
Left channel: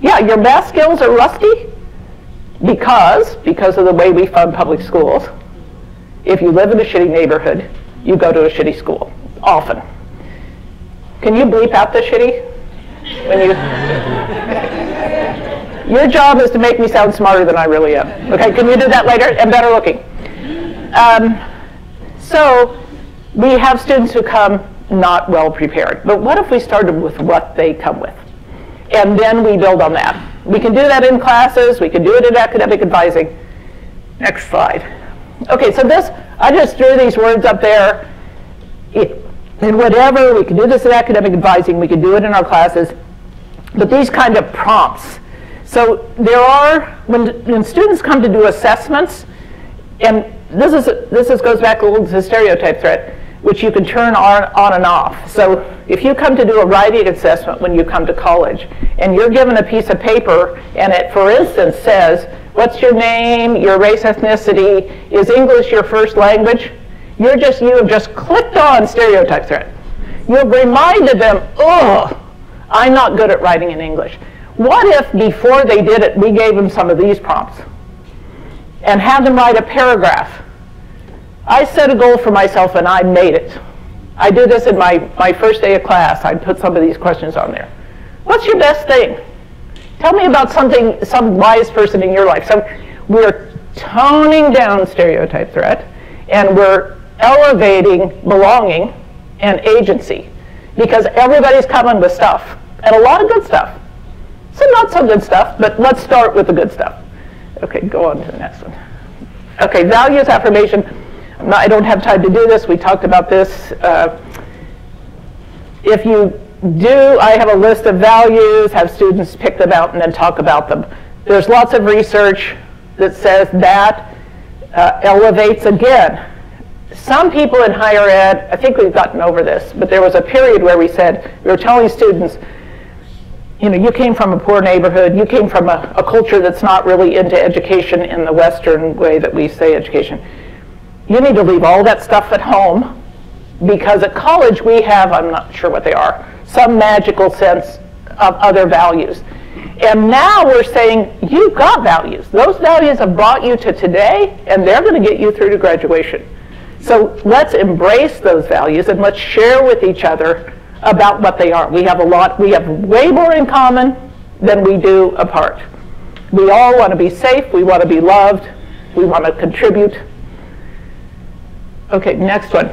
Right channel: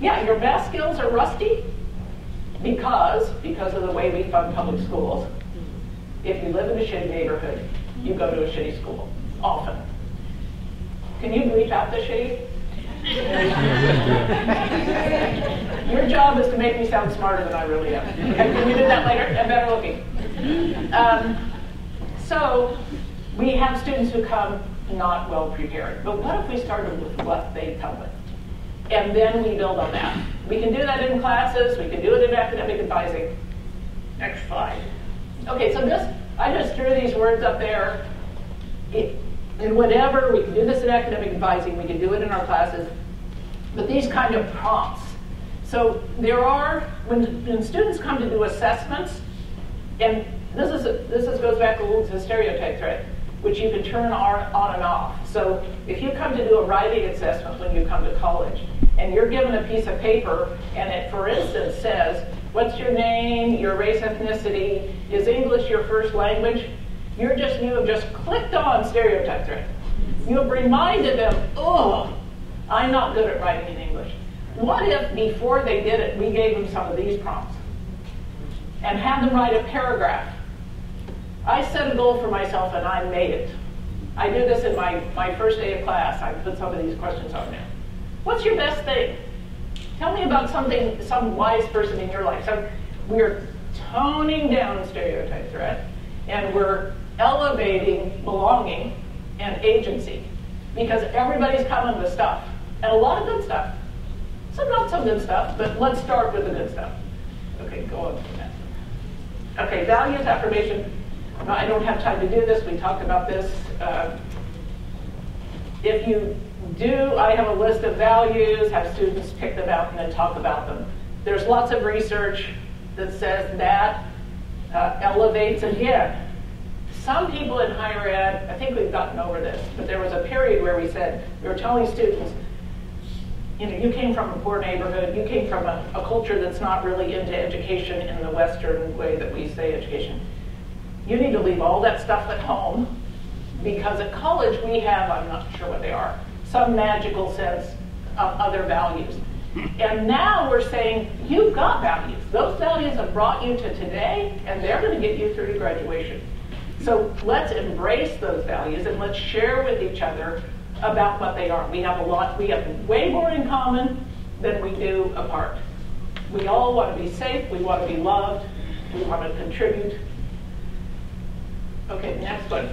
Yeah, your math skills are rusty because of the way we fund public schools. If you live in a shitty neighborhood, you go to a shitty school, often. Can you bleep out the shitty? Your job is to make me sound smarter than I really am. Okay, can you do that later? And better looking. So we have students who come not well prepared. But what if we started with what they come with? and then we build on that. We can do that in classes, we can do it in academic advising. Next slide. Okay, so this, I just threw these words up there. In whatever, we can do this in academic advising, we can do it in our classes, but these kind of prompts. So there are, when students come to do assessments, and this goes back a little to the stereotype threat, which you can turn on and off. So if you come to do a writing assessment when you come to college, and you're given a piece of paper, and it, for instance, says, what's your name, your race, ethnicity, is English your first language? You have just clicked on stereotype threat. You've reminded them, oh, I'm not good at writing in English. What if before they did it, we gave them some of these prompts and had them write a paragraph? I set a goal for myself and I made it. I did this in my first day of class. I put some of these questions on there. What's your best thing? Tell me about something, some wise person in your life. So we're toning down stereotype threat and we're elevating belonging and agency because everybody's coming with stuff and a lot of good stuff. Some not so good stuff, but let's start with the good stuff. Okay, go on to the next one. Okay, values affirmation. I don't have time to do this. We talked about this. If you do, I have a list of values, have students pick them out and then talk about them. There's lots of research that says that elevates again. Some people in higher ed, I think we've gotten over this, but there was a period where we said, we were telling students, you know, you came from a poor neighborhood, you came from a culture that's not really into education in the Western way that we say education. You need to leave all that stuff at home because at college we have, I'm not sure what they are, some magical sense of other values. And now we're saying, you've got values. Those values have brought you to today and they're going to get you through to graduation. So let's embrace those values and let's share with each other about what they are. We have way more in common than we do apart. We all want to be safe, we want to be loved, we want to contribute. Okay, next one.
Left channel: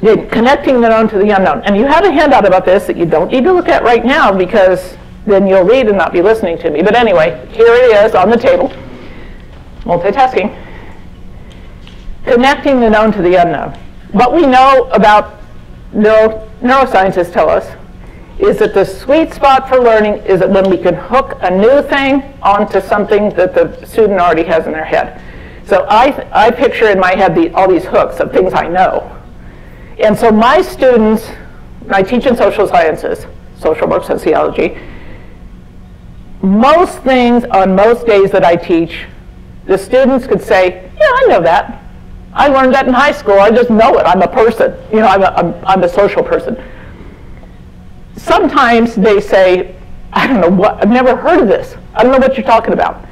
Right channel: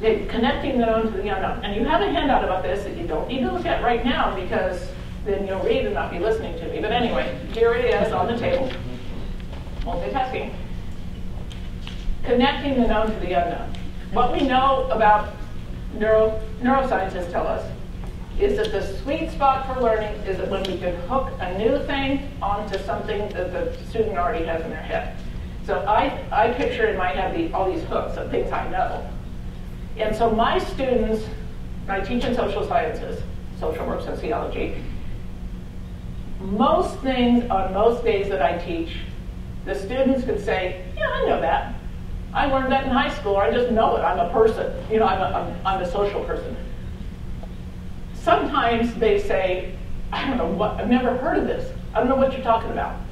Connecting the known to the unknown. And you had a handout about this that you don't need to look at right now because then you'll read and not be listening to me. But anyway, here it is on the table. Multitasking. Connecting the known to the unknown. What we know about neuroscientists tell us is that the sweet spot for learning is that when we can hook a new thing onto something that the student already has in their head. So I picture in my head all these hooks of things I know. And so my students, I teach in social sciences, social work, sociology, most things on most days that I teach, the students could say, yeah, I know that. I learned that in high school. I just know it. I'm a person. You know, I'm a social person. Sometimes they say, I don't know what, I've never heard of this. I don't know what you're talking about.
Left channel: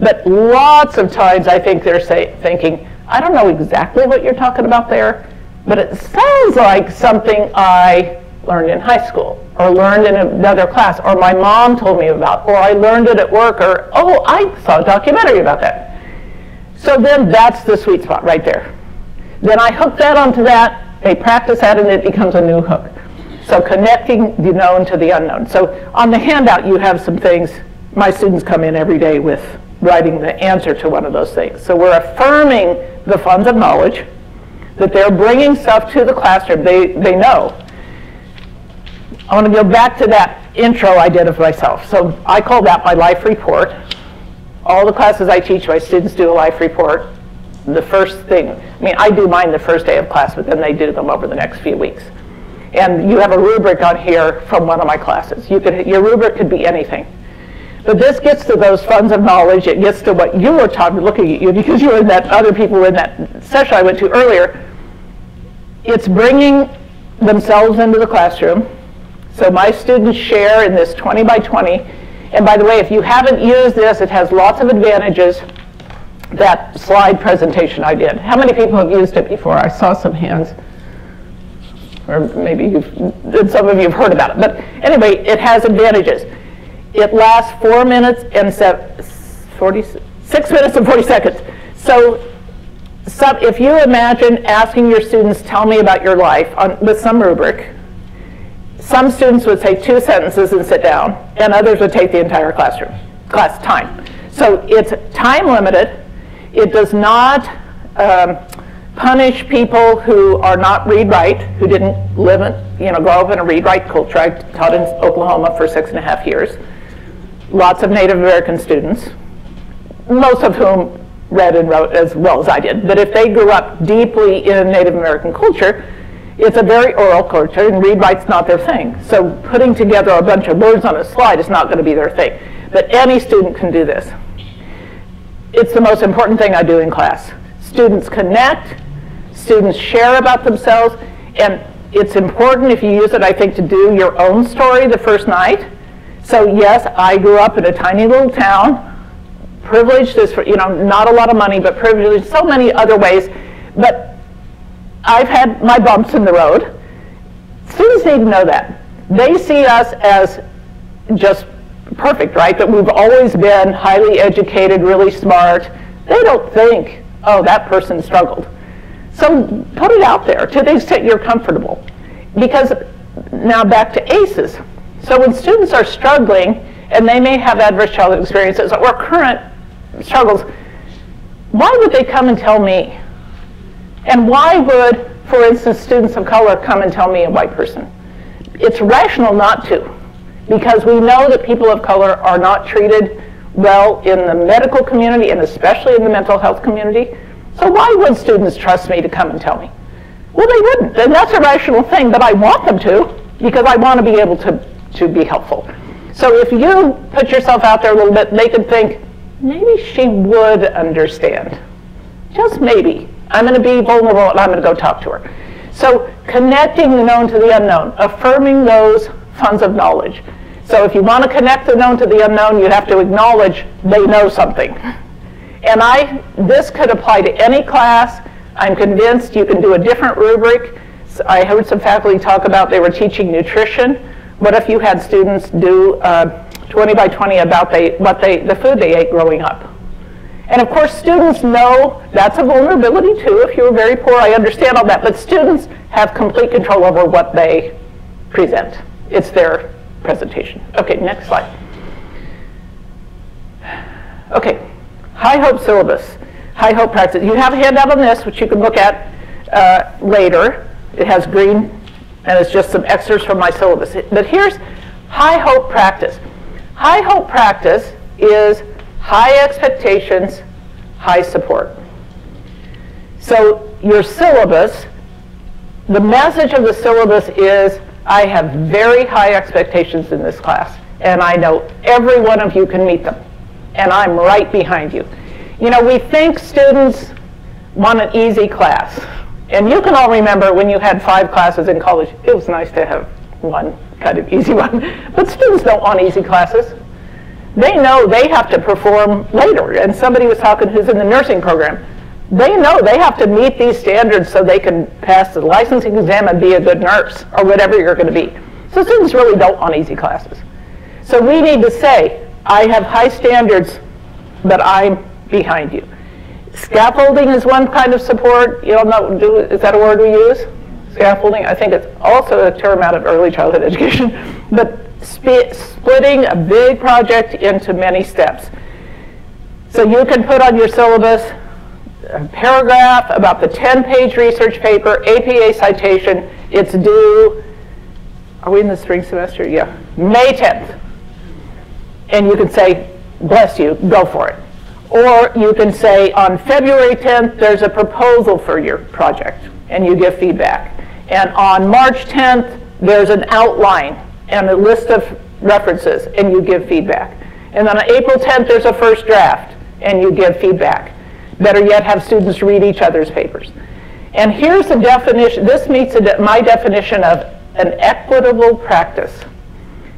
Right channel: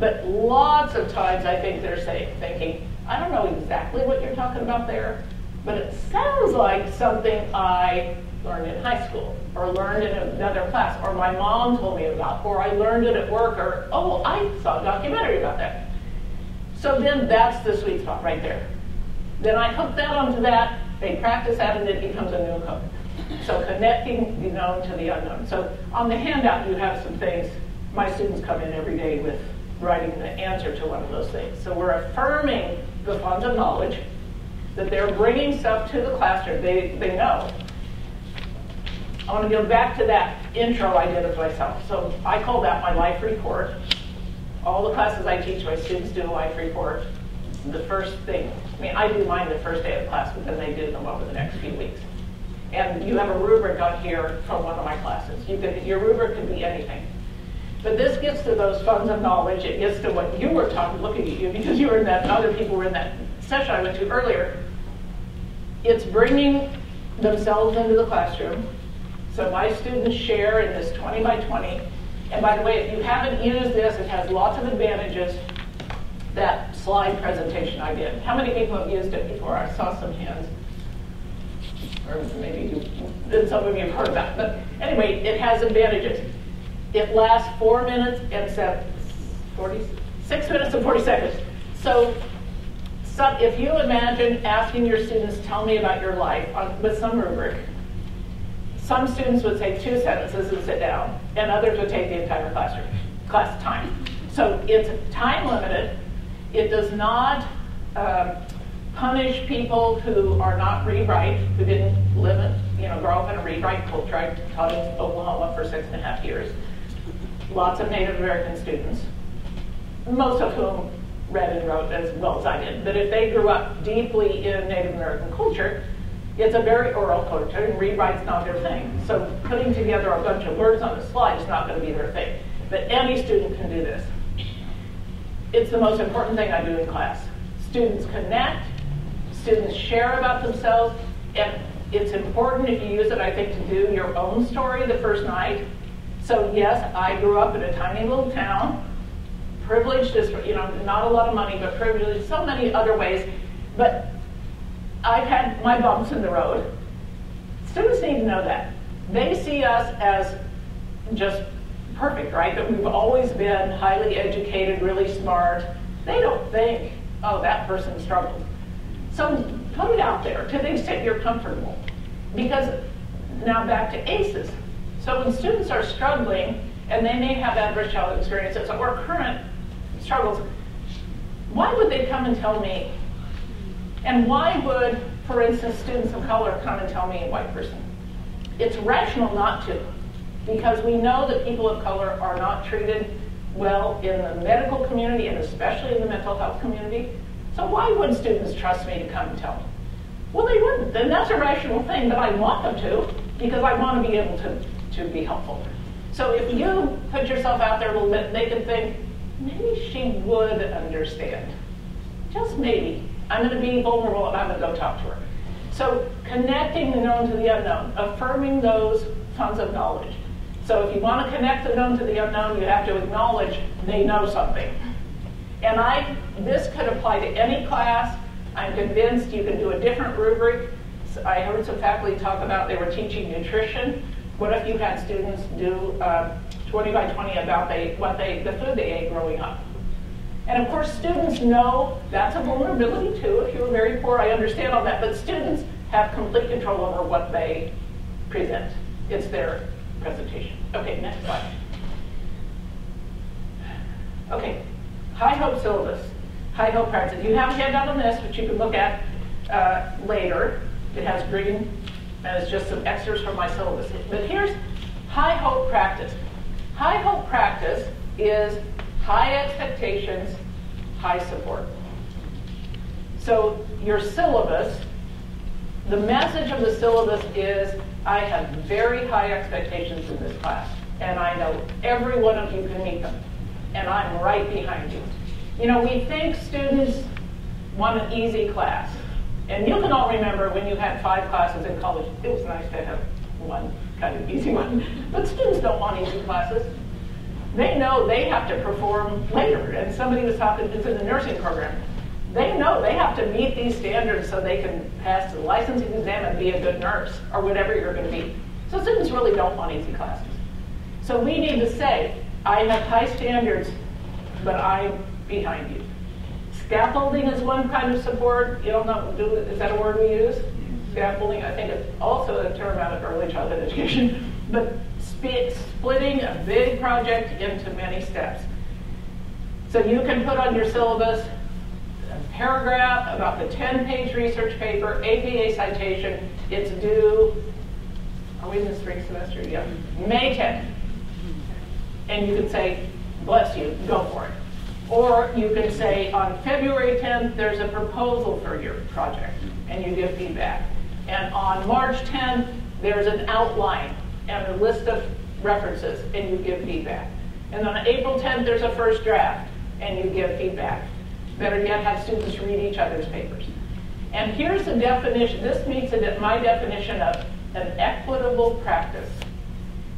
But lots of times I think they're thinking, I don't know exactly what you're talking about there, but it sounds like something I learned in high school, or learned in another class, or my mom told me about, or I learned it at work, or, oh, I saw a documentary about that. So then that's the sweet spot right there. Then I hook that onto that, they practice that, and it becomes a new hook. So connecting the known to the unknown. So on the handout you have some things. My students come in every day with writing the answer to one of those things. So we're affirming the funds of knowledge, that they're bringing stuff to the classroom they know. I want to go back to that intro I did of myself. So I call that my life report. All the classes I teach, my students do a life report. The first thing, I mean, I do mine the first day of class, but then they do them over the next few weeks. And you have a rubric on here from one of my classes. Your rubric could be anything. But this gets to those funds of knowledge. It gets to what you were talking, looking at you, because you were in that, other people were in that session I went to earlier. It's bringing themselves into the classroom. So my students share in this 20 by 20. And by the way, if you haven't used this, it has lots of advantages. That slide presentation I did. How many people have used it before? I saw some hands. Or maybe some of you have heard about it. But anyway, it has advantages. It lasts 4 minutes and 6 minutes and 40 seconds. So if you imagine asking your students, tell me about your life with some rubric, Some students would say 2 sentences and sit down, and others would take the entire class time. So it's time limited. It does not punish people who are not read-write, who didn't live in, grow up in a read-write culture. I taught in Oklahoma for 6.5 years. Lots of Native American students, most of whom read and wrote as well as I did. But if they grew up deeply in Native American culture, it's a very oral culture, and read-write's not their thing. So putting together a bunch of words on a slide is not going to be their thing. But any student can do this. It's the most important thing I do in class. Students connect, students share about themselves, and it's important, if you use it, I think, to do your own story the first night. So yes, I grew up in a tiny little town. Privileged is, not a lot of money, but privileged in so many other ways. But I've had my bumps in the road. Students need to know that. They see us as just perfect, right? That we've always been highly educated, really smart. They don't think, oh, that person struggled. So put it out there to the extent you're comfortable. Because now back to ACEs. So when students are struggling, and they may have adverse childhood experiences or current struggles, why would they come and tell me? And why would, for instance, students of color come and tell me, a white person? It's rational not to, because we know that people of color are not treated well in the medical community and especially in the mental health community. So why would students trust me to come and tell me? Well, they wouldn't, and that's a rational thing, but I want them to, because I want to be able to be helpful. So if you put yourself out there a little bit, they could think, maybe she would understand. Just maybe. I'm going to be vulnerable and I'm going to go talk to her. So connecting the known to the unknown, affirming those funds of knowledge. So if you want to connect the known to the unknown, you have to acknowledge they know something. And this could apply to any class. I'm convinced you can do a different rubric. I heard some faculty talk about they were teaching nutrition. What if you had students do 20 by 20 about the food they ate growing up? And of course, students know that's a vulnerability too. If you were very poor, I understand all that. But students have complete control over what they present. It's their presentation. Okay, next slide. Okay, high hope syllabus, high hope practice. You have a handout on this, which you can look at later. It has green, and it's just some extras from my syllabus. But here's high hope practice. High hope practice is high expectations, high support. So your syllabus, the message of the syllabus is, I have very high expectations in this class, and I know every one of you can meet them, and I'm right behind you. We think students want an easy class, and you can all remember when you had 5 classes in college, it was nice to have one kind of easy one, but students don't want easy classes. They know they have to perform later, and somebody was talking who's in the nursing program. They know they have to meet these standards so they can pass the licensing exam and be a good nurse, or whatever you're going to be. So students really don't want easy classes. So we need to say, I have high standards, but I'm behind you. Scaffolding is one kind of support. You all know, is that a word we use? Scaffolding, I think it's also a term out of early childhood education. But splitting a big project into many steps. So you can put on your syllabus a paragraph about the 10-page research paper, APA citation. It's due, are we in the spring semester? Yeah, May 10th. And you can say, bless you, go for it. Or you can say, on February 10th, there's a proposal for your project, and you give feedback. And on March 10th, there's an outline and a list of references, and you give feedback. And then on April 10th, there's a first draft, and you give feedback. Better yet, have students read each other's papers. And here's the definition. This meets my definition of an equitable practice.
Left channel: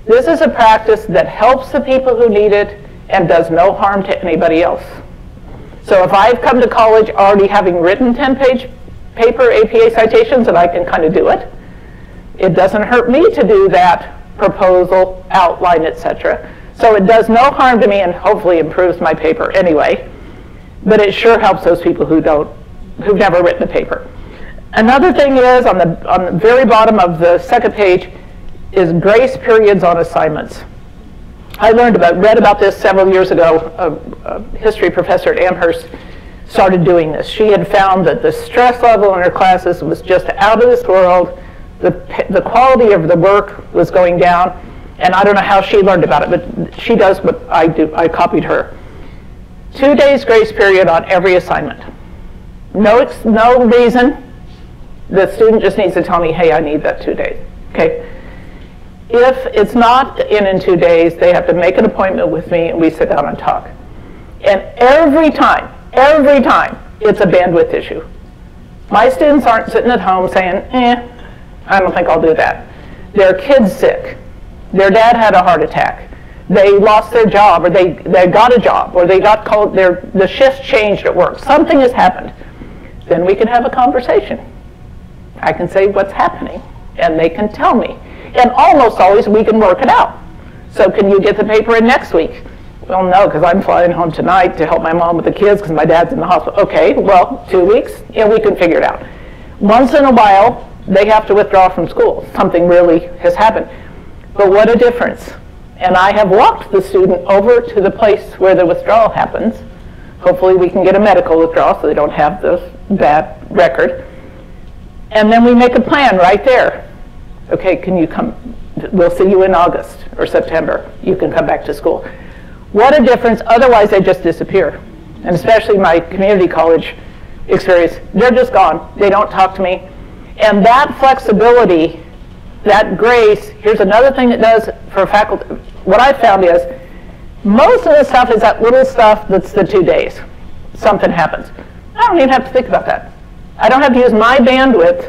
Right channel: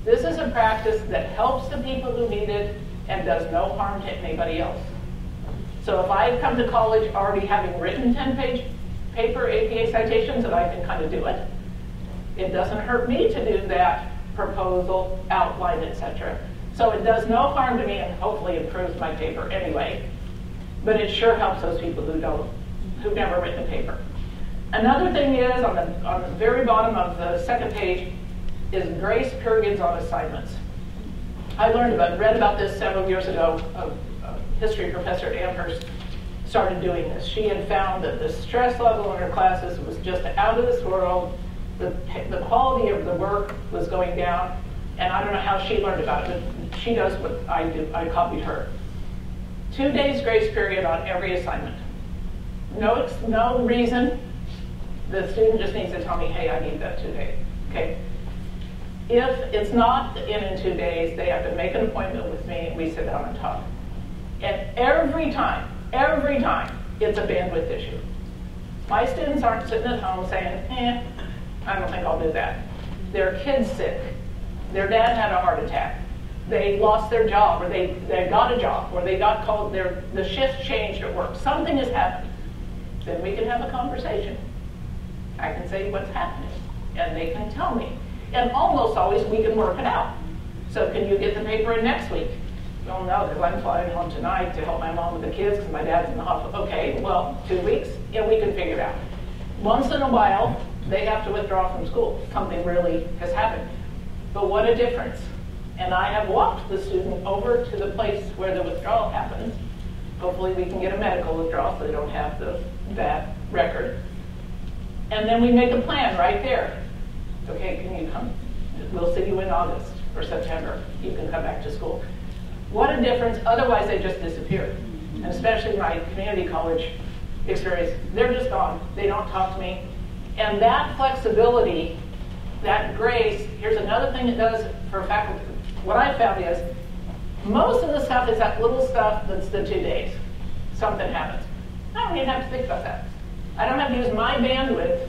This is a practice that helps the people who need it and does no harm to anybody else. So if I've come to college already having written 10-page paper APA citations, and I can kind of do it, it doesn't hurt me to do that proposal, outline, etc. So it does no harm to me and hopefully improves my paper anyway. But it sure helps those people who've never written a paper. Another thing is, on the very bottom of the second page, is grace periods on assignments. I read about this several years ago. A history professor at Amherst started doing this. She had found that the stress level in her classes was just out of this world. The quality of the work was going down, and I don't know how she learned about it, but she does what I do. I copied her. 2 days grace period on every assignment. No reason. The student just needs to tell me, hey, I need that 2 days. Okay. If it's not in 2 days, they have to make an appointment with me and we sit down and talk. And every time, it's a bandwidth issue. My students aren't sitting at home saying, I don't think I'll do that. Their kid's sick. Their dad had a heart attack. They lost their job, or they got a job, or they got called, the shift changed at work. Something has happened. Then we can have a conversation. I can say what's happening, and they can tell me. And almost always we can work it out. So can you get the paper in next week? Well, no, because I'm flying home tonight to help my mom with the kids because my dad's in the hospital. Okay, well, 2 weeks, and we can figure it out. Once in a while, they have to withdraw from school. Something really has happened. But what a difference. And I have walked the student over to the place where the withdrawal happens. Hopefully we can get a medical withdrawal so they don't have the bad record. And then we make a plan right there. Okay, can you come? We'll see you in August or September. You can come back to school. What a difference. Otherwise, they just disappear. And especially my community college experience, they're just gone. They don't talk to me. And that flexibility, that grace, here's another thing it does for faculty. What I found is most of the stuff is that little stuff that's the 2 days. Something happens. I don't even have to think about that. I don't have to use my bandwidth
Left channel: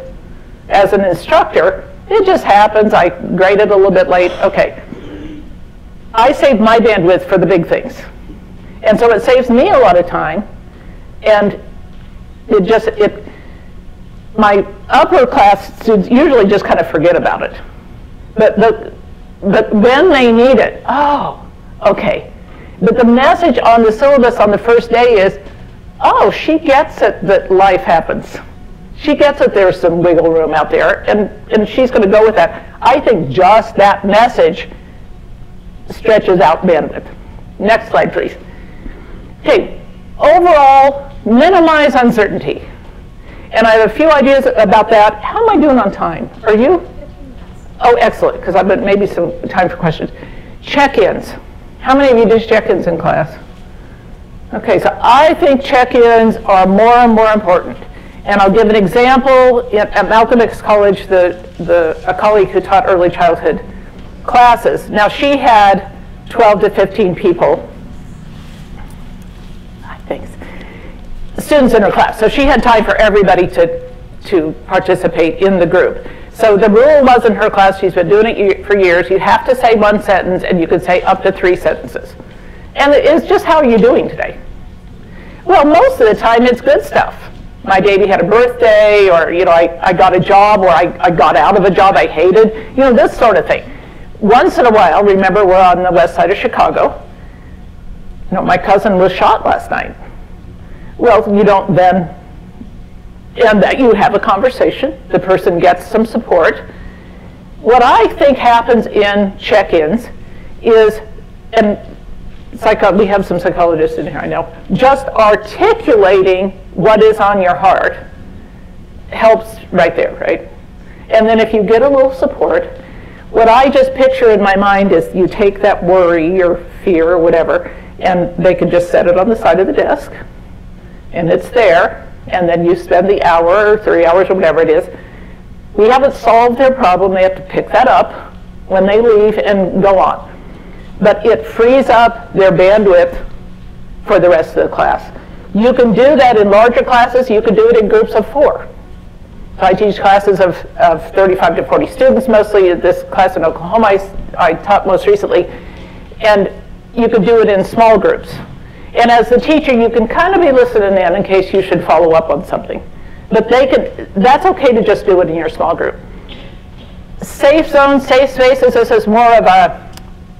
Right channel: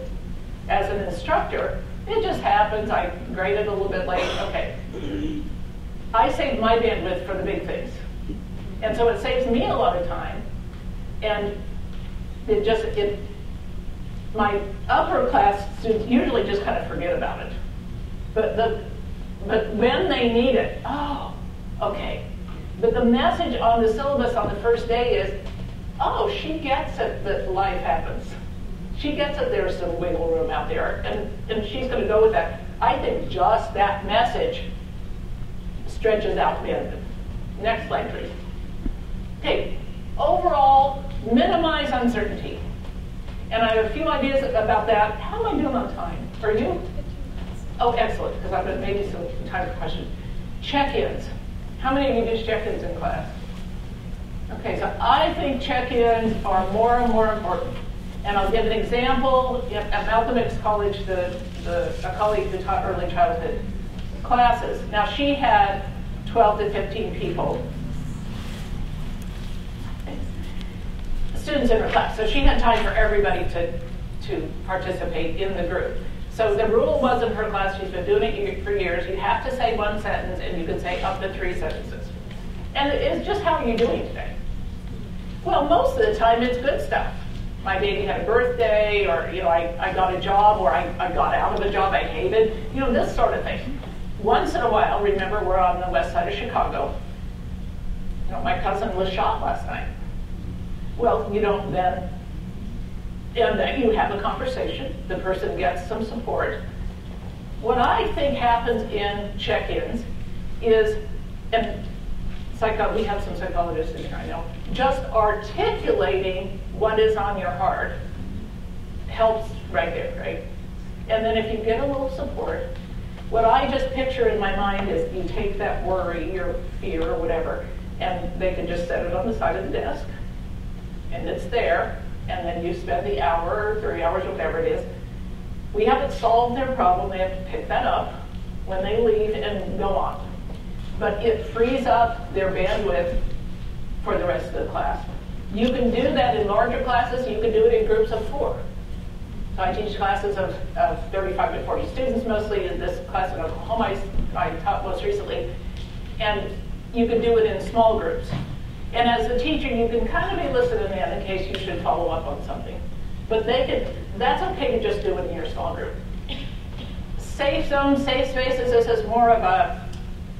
as an instructor. It just happens. I graded a little bit late. Okay. I save my bandwidth for the big things. And so it saves me a lot of time. And my upper class students usually just kind of forget about it. But when they need it, oh, okay. But the message on the syllabus on the first day is, oh, she gets it that life happens. She gets it there's some wiggle room out there, and she's going to go with that. I think just that message stretches out bandwidth. Next slide, please. Hey, overall, minimize uncertainty. And I have a few ideas about that. How am I doing on time? Are you? Oh, excellent, because I've got maybe some time for questions. Check-ins. How many of you did check-ins in class? Okay, so I think check-ins are more and more important. And I'll give an example. At Malcolm X College, a colleague who taught early childhood classes. Now, she had 12 to 15 people, students in her class. So she had time for everybody to participate in the group. So the rule was in her class, she's been doing it for years, you have to say one sentence and you can say up to 3 sentences. And it's just, how are you doing today? Well, most of the time it's good stuff. My baby had a birthday, or I got a job, or I got out of a job I hated, this sort of thing. Once in a while, remember we're on the west side of Chicago. My cousin was shot last night. Well, you don't then end that. You have a conversation. The person gets some support. What I think happens in check-ins is, and we have some psychologists in here, I know, just articulating what is on your heart helps right there, right? And then if you get a little support, what I just picture in my mind is you take that worry or fear or whatever, and they can just set it on the side of the desk, and it's there, and then you spend the hour or 3 hours or whatever it is. We haven't solved their problem. They have to pick that up when they leave and go on. But it frees up their bandwidth for the rest of the class. You can do that in larger classes. You can do it in groups of 4. So I teach classes of 35 to 40 students, mostly this class in Oklahoma I taught most recently. And you can do it in small groups. And as the teacher, you can kind of be listening in case you should follow up on something. But that's okay to just do it in your small group. Safe zones, safe spaces, this is more of a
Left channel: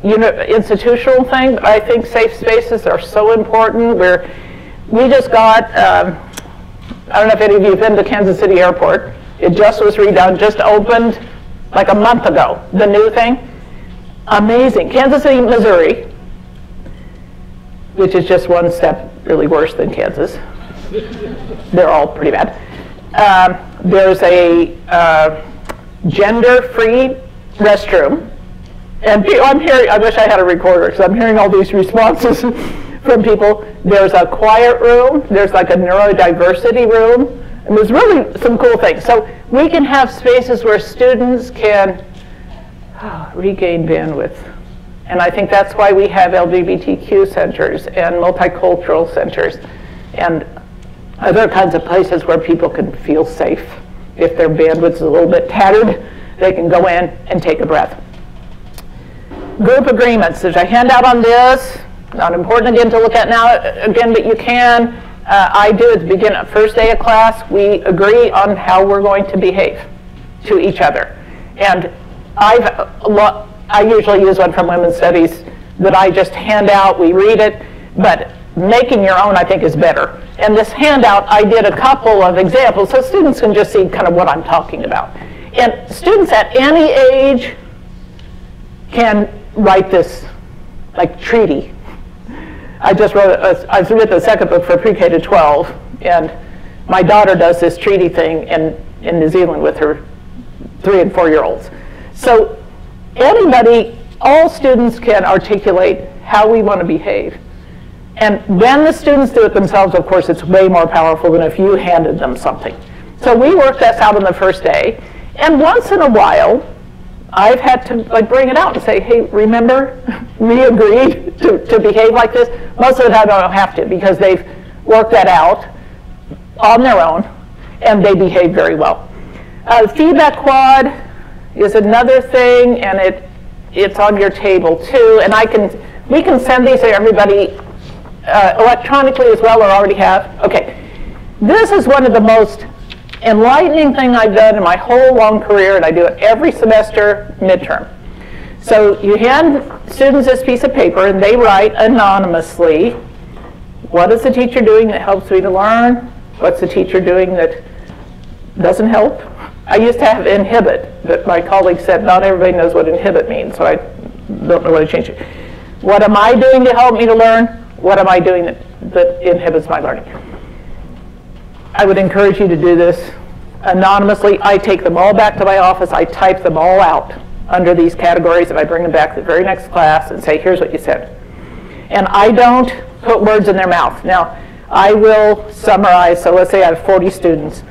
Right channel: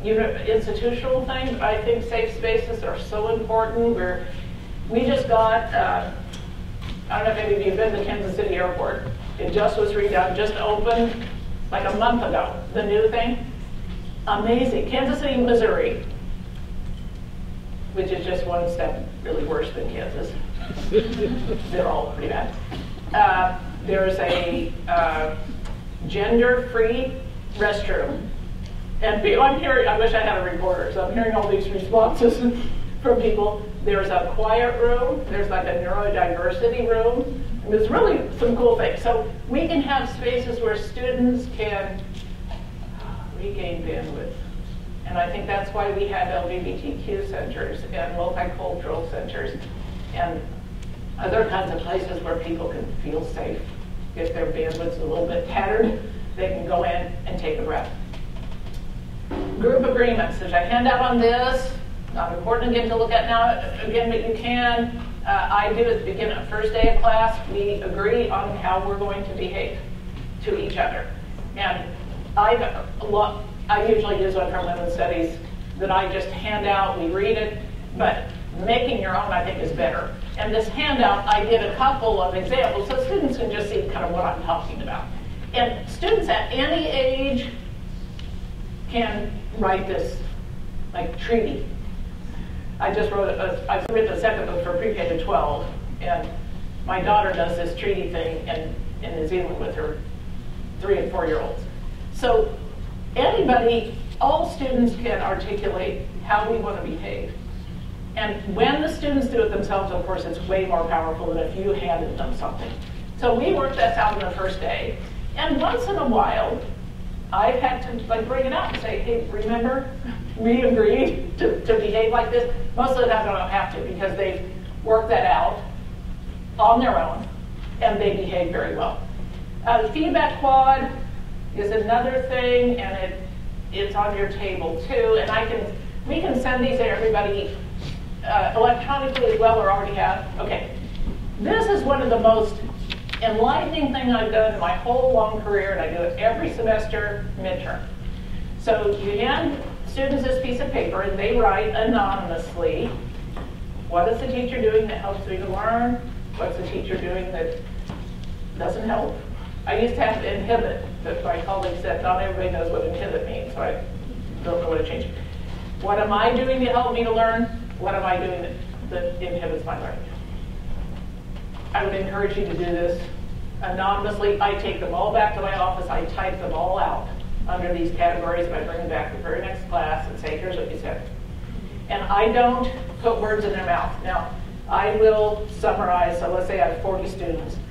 institutional thing. I think safe spaces are so important. We just got, I don't know if any of you have been to Kansas City Airport. It just was redone, just opened like a month ago, the new thing. Amazing. Kansas City, Missouri, which is just one step really worse than Kansas. They're all pretty bad. There's a gender-free restroom. And I'm hearing, I wish I had a recorder, because I'm hearing all these responses from people. There's a quiet room. There's like a neurodiversity room. And there's really some cool things. So we can have spaces where students can regain bandwidth. And I think that's why we have LGBTQ centers and multicultural centers and other kinds of places where people can feel safe. If their bandwidth's a little bit tattered, they can go in and take a breath. Group agreements. There's a handout on this. Not important again to look at now again, but you can. I do at the beginning, first day of class, we agree on how we're going to behave to each other. And I usually use one from Women's Studies that I just hand out, we read it, but making your own I think is better. And this handout, I did a couple of examples so students can just see kind of what I'm talking about. And students at any age can write this like treaty. I just wrote, I wrote the second book for pre-K to 12, and my daughter does this treaty thing in New Zealand with her 3- and 4-year-olds. So anybody, all students can articulate how we want to behave. And when the students do it themselves, of course, it's way more powerful than if you handed them something. So we worked this out on the first day, and once in a while, I've had to like bring it out and say, hey, remember, we agreed to behave like this. Most of the time I don't have to because they've worked that out on their own and they behave very well. Feedback quad is another thing, and it's on your table too. And we can send these to everybody electronically as well, or already have. Okay, this is one of the most enlightening thing I've done in my whole long career, and I do it every semester midterm. So you hand students this piece of paper, and they write anonymously, what is the teacher doing that helps me to learn? What's the teacher doing that doesn't help? I used to have inhibit, but my colleague said not everybody knows what inhibit means, so I don't know what to change it. What am I doing to help me to learn? What am I doing that inhibits my learning? I would encourage you to do this anonymously. I take them all back to my office. I type them all out under these categories, and I bring them back to the very next class and say, here's what you said. And I don't put words in their mouth. Now, I will summarize. So let's say I have 40 students,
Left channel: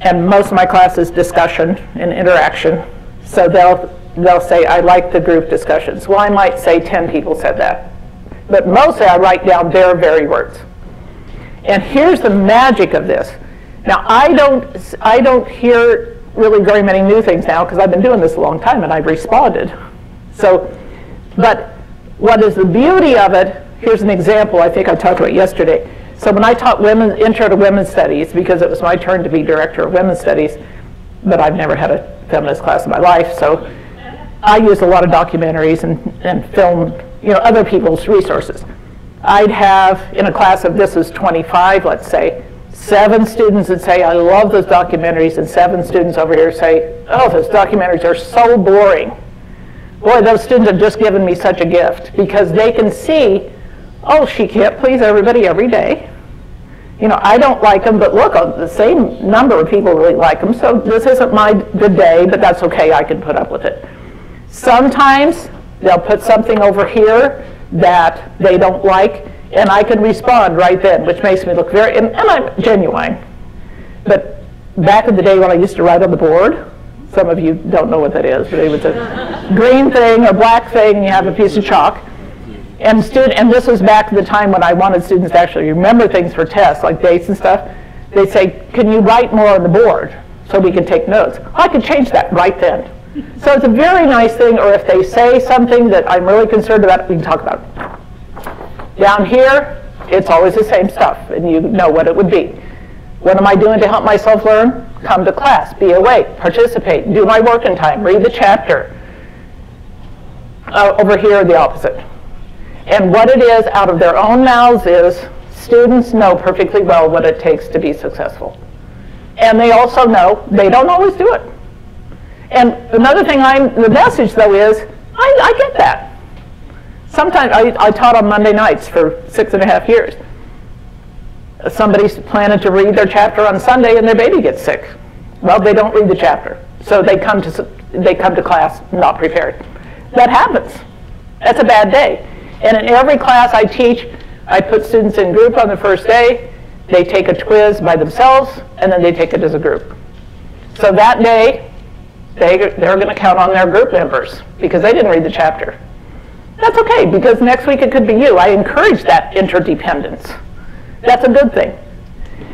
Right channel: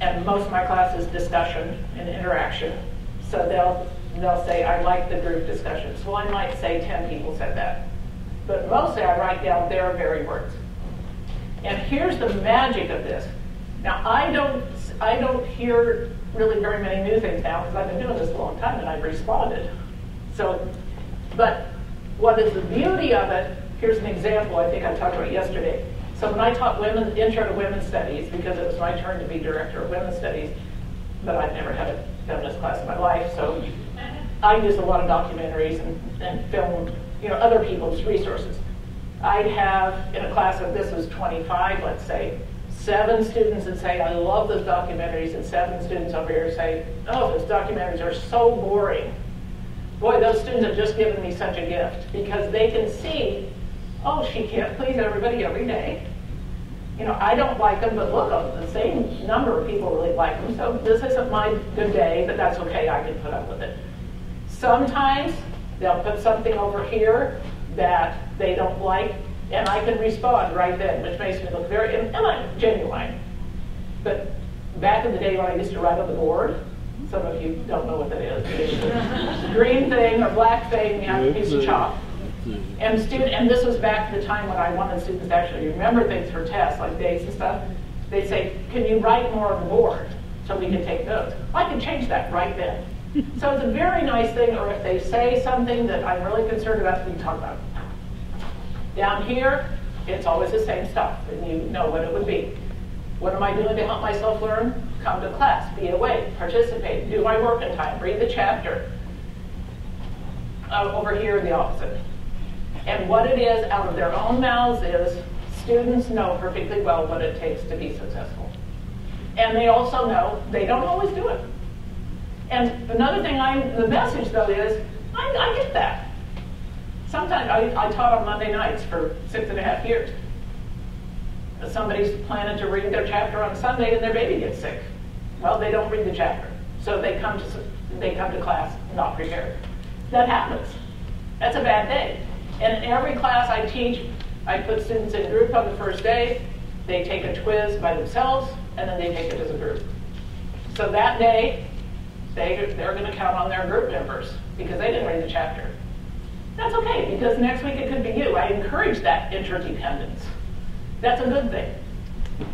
and most of my class is discussion and interaction. So they'll say, I like the group discussions. Well, I might say 10 people said that. But mostly I write down their very words. And here's the magic of this. Now, I don't hear really very many new things now because I've been doing this a long time and I've responded. So, but what is the beauty of it, here's an example I think I talked about yesterday. So when I taught Intro to Women's Studies, because it was my turn to be director of Women's Studies, but I've never had a feminist class in my life, so I used a lot of documentaries and film, other people's resources. I'd have, in a class of this is 25, let's say, 7 students that say, I love those documentaries, and 7 students over here say, oh, those documentaries are so boring. Boy, those students have just given me such a gift, because they can see, oh, she can't please everybody every day. I don't like them, but look, the same number of people really like them, so this isn't my good day, but that's okay, I can put up with it. Sometimes they'll put something over here that they don't like, and I can respond right then, which makes me look very, and I'm genuine. But back in the day when I used to write on the board, some of you don't know what that is, but it was a green thing or black thing, you have a piece of chalk. And this was back to the time when I wanted students to actually remember things for tests, like dates and stuff. They say, can you write more on the board so we can take notes? I can change that right then. So it's a very nice thing, or if they say something that I'm really concerned about, we can talk about it. Down here, it's always the same stuff, and you know what it would be. What am I doing to help myself learn? Come to class, be awake, participate, do my work in time, read the chapter. Over here, the opposite. And what it is out of their own mouths is students know perfectly well what it takes to be successful. And they also know they don't always do it. And another thing, the message though is, I get that. Sometimes I taught on Monday nights for 6.5 years. Somebody's planning to read their chapter on Sunday and their baby gets sick. Well, they don't read the chapter. So they come to class not prepared. That happens. That's a bad day. And in every class I teach, I put students in group on the first day. They take a quiz by themselves, and then they take it as a group. So that day, they're going to count on their group members because they didn't read the chapter. That's okay, because next week it could be you. I encourage that interdependence. That's a good thing.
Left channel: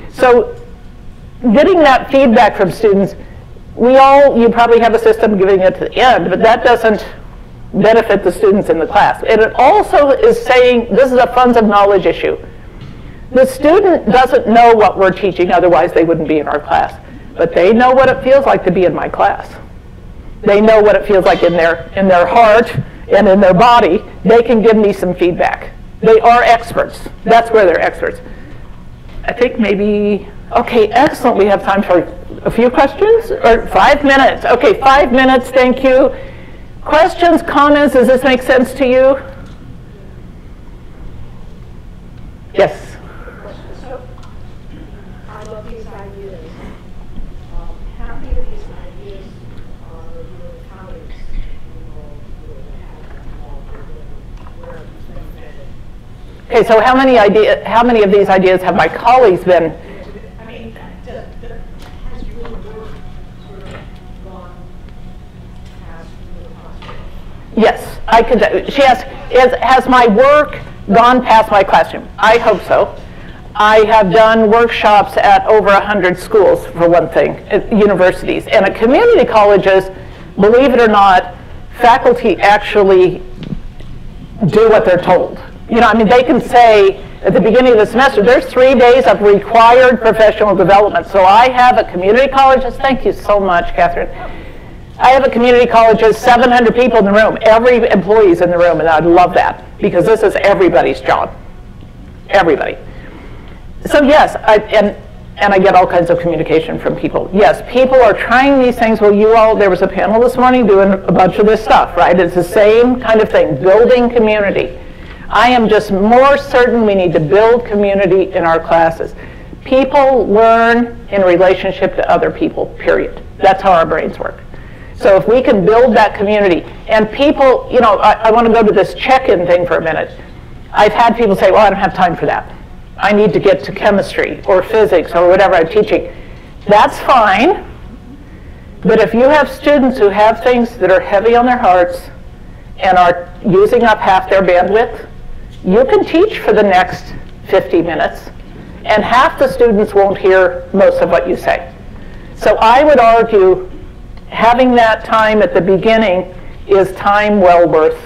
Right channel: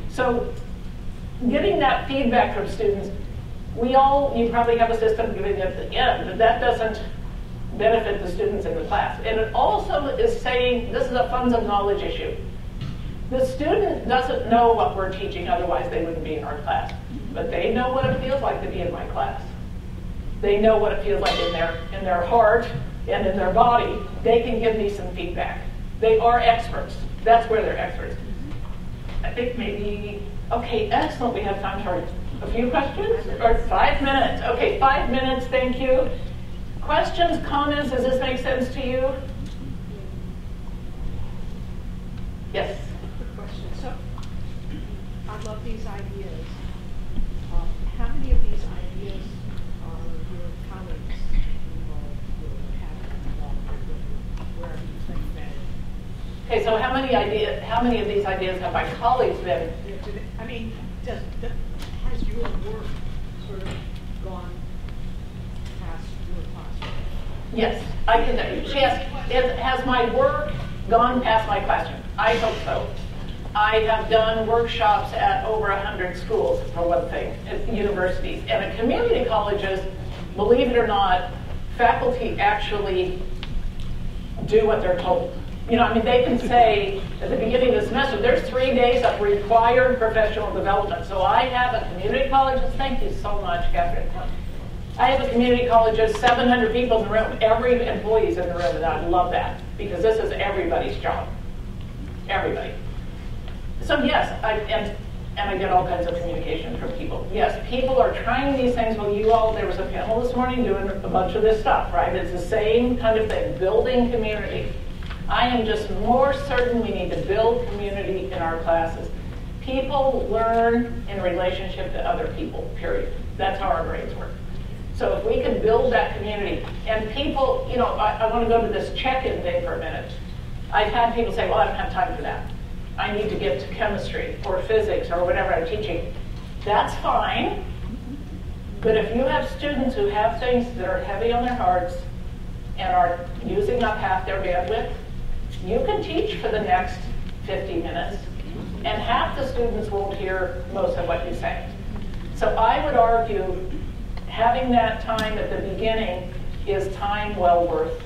So getting that feedback from students, you probably have a system giving it at the end, but that doesn't benefit the students in the class. And it also is saying, this is a funds of knowledge issue. The student doesn't know what we're teaching, otherwise they wouldn't be in our class. But they know what it feels like to be in my class. They know what it feels like in their heart and in their body. They can give me some feedback. They are experts. That's where they're experts. I think maybe, okay, excellent. We have time for a few questions, or 5 minutes. Okay, 5 minutes, thank you. Questions, comments, does this make sense to you? Yes? So, I love these ideas. How many of these ideas are your colleagues where you think that? Okay, so how many of these ideas have my colleagues been? I mean, has your work sort of gone past your classroom? Yes, I could. She asked, has my work gone past my classroom? I hope so. I have done workshops at over 100 schools, for one thing, at universities. And at community colleges, believe it or not, faculty actually do what they're told. You know, I mean, they can say at the beginning of the semester, there's 3 days of required professional development. So I have a community college, thank you so much, Catherine. I have a community college with 700 people in the room. Every employee's in the room, and I love that because this is everybody's job. Everybody. So yes, and I get all kinds of communication from people. Yes, people are trying these things. Well, there was a panel this morning doing a bunch of this stuff, right? It's the same kind of thing, building community. I am just more certain we need to build community in our classes. People learn in relationship to other people, period. That's how our brains work. So if we can build that community, and people, you know, I want to go to this check-in thing for a minute. I've had people say, well, I don't have time for that. I need to get to chemistry or physics or whatever I'm teaching. That's fine, but if you have students who have things that are heavy on their hearts and are using up half their bandwidth, you can teach for the next 50 minutes, and half the students won't hear most of what you say. So I would argue having that time at the beginning is time well worth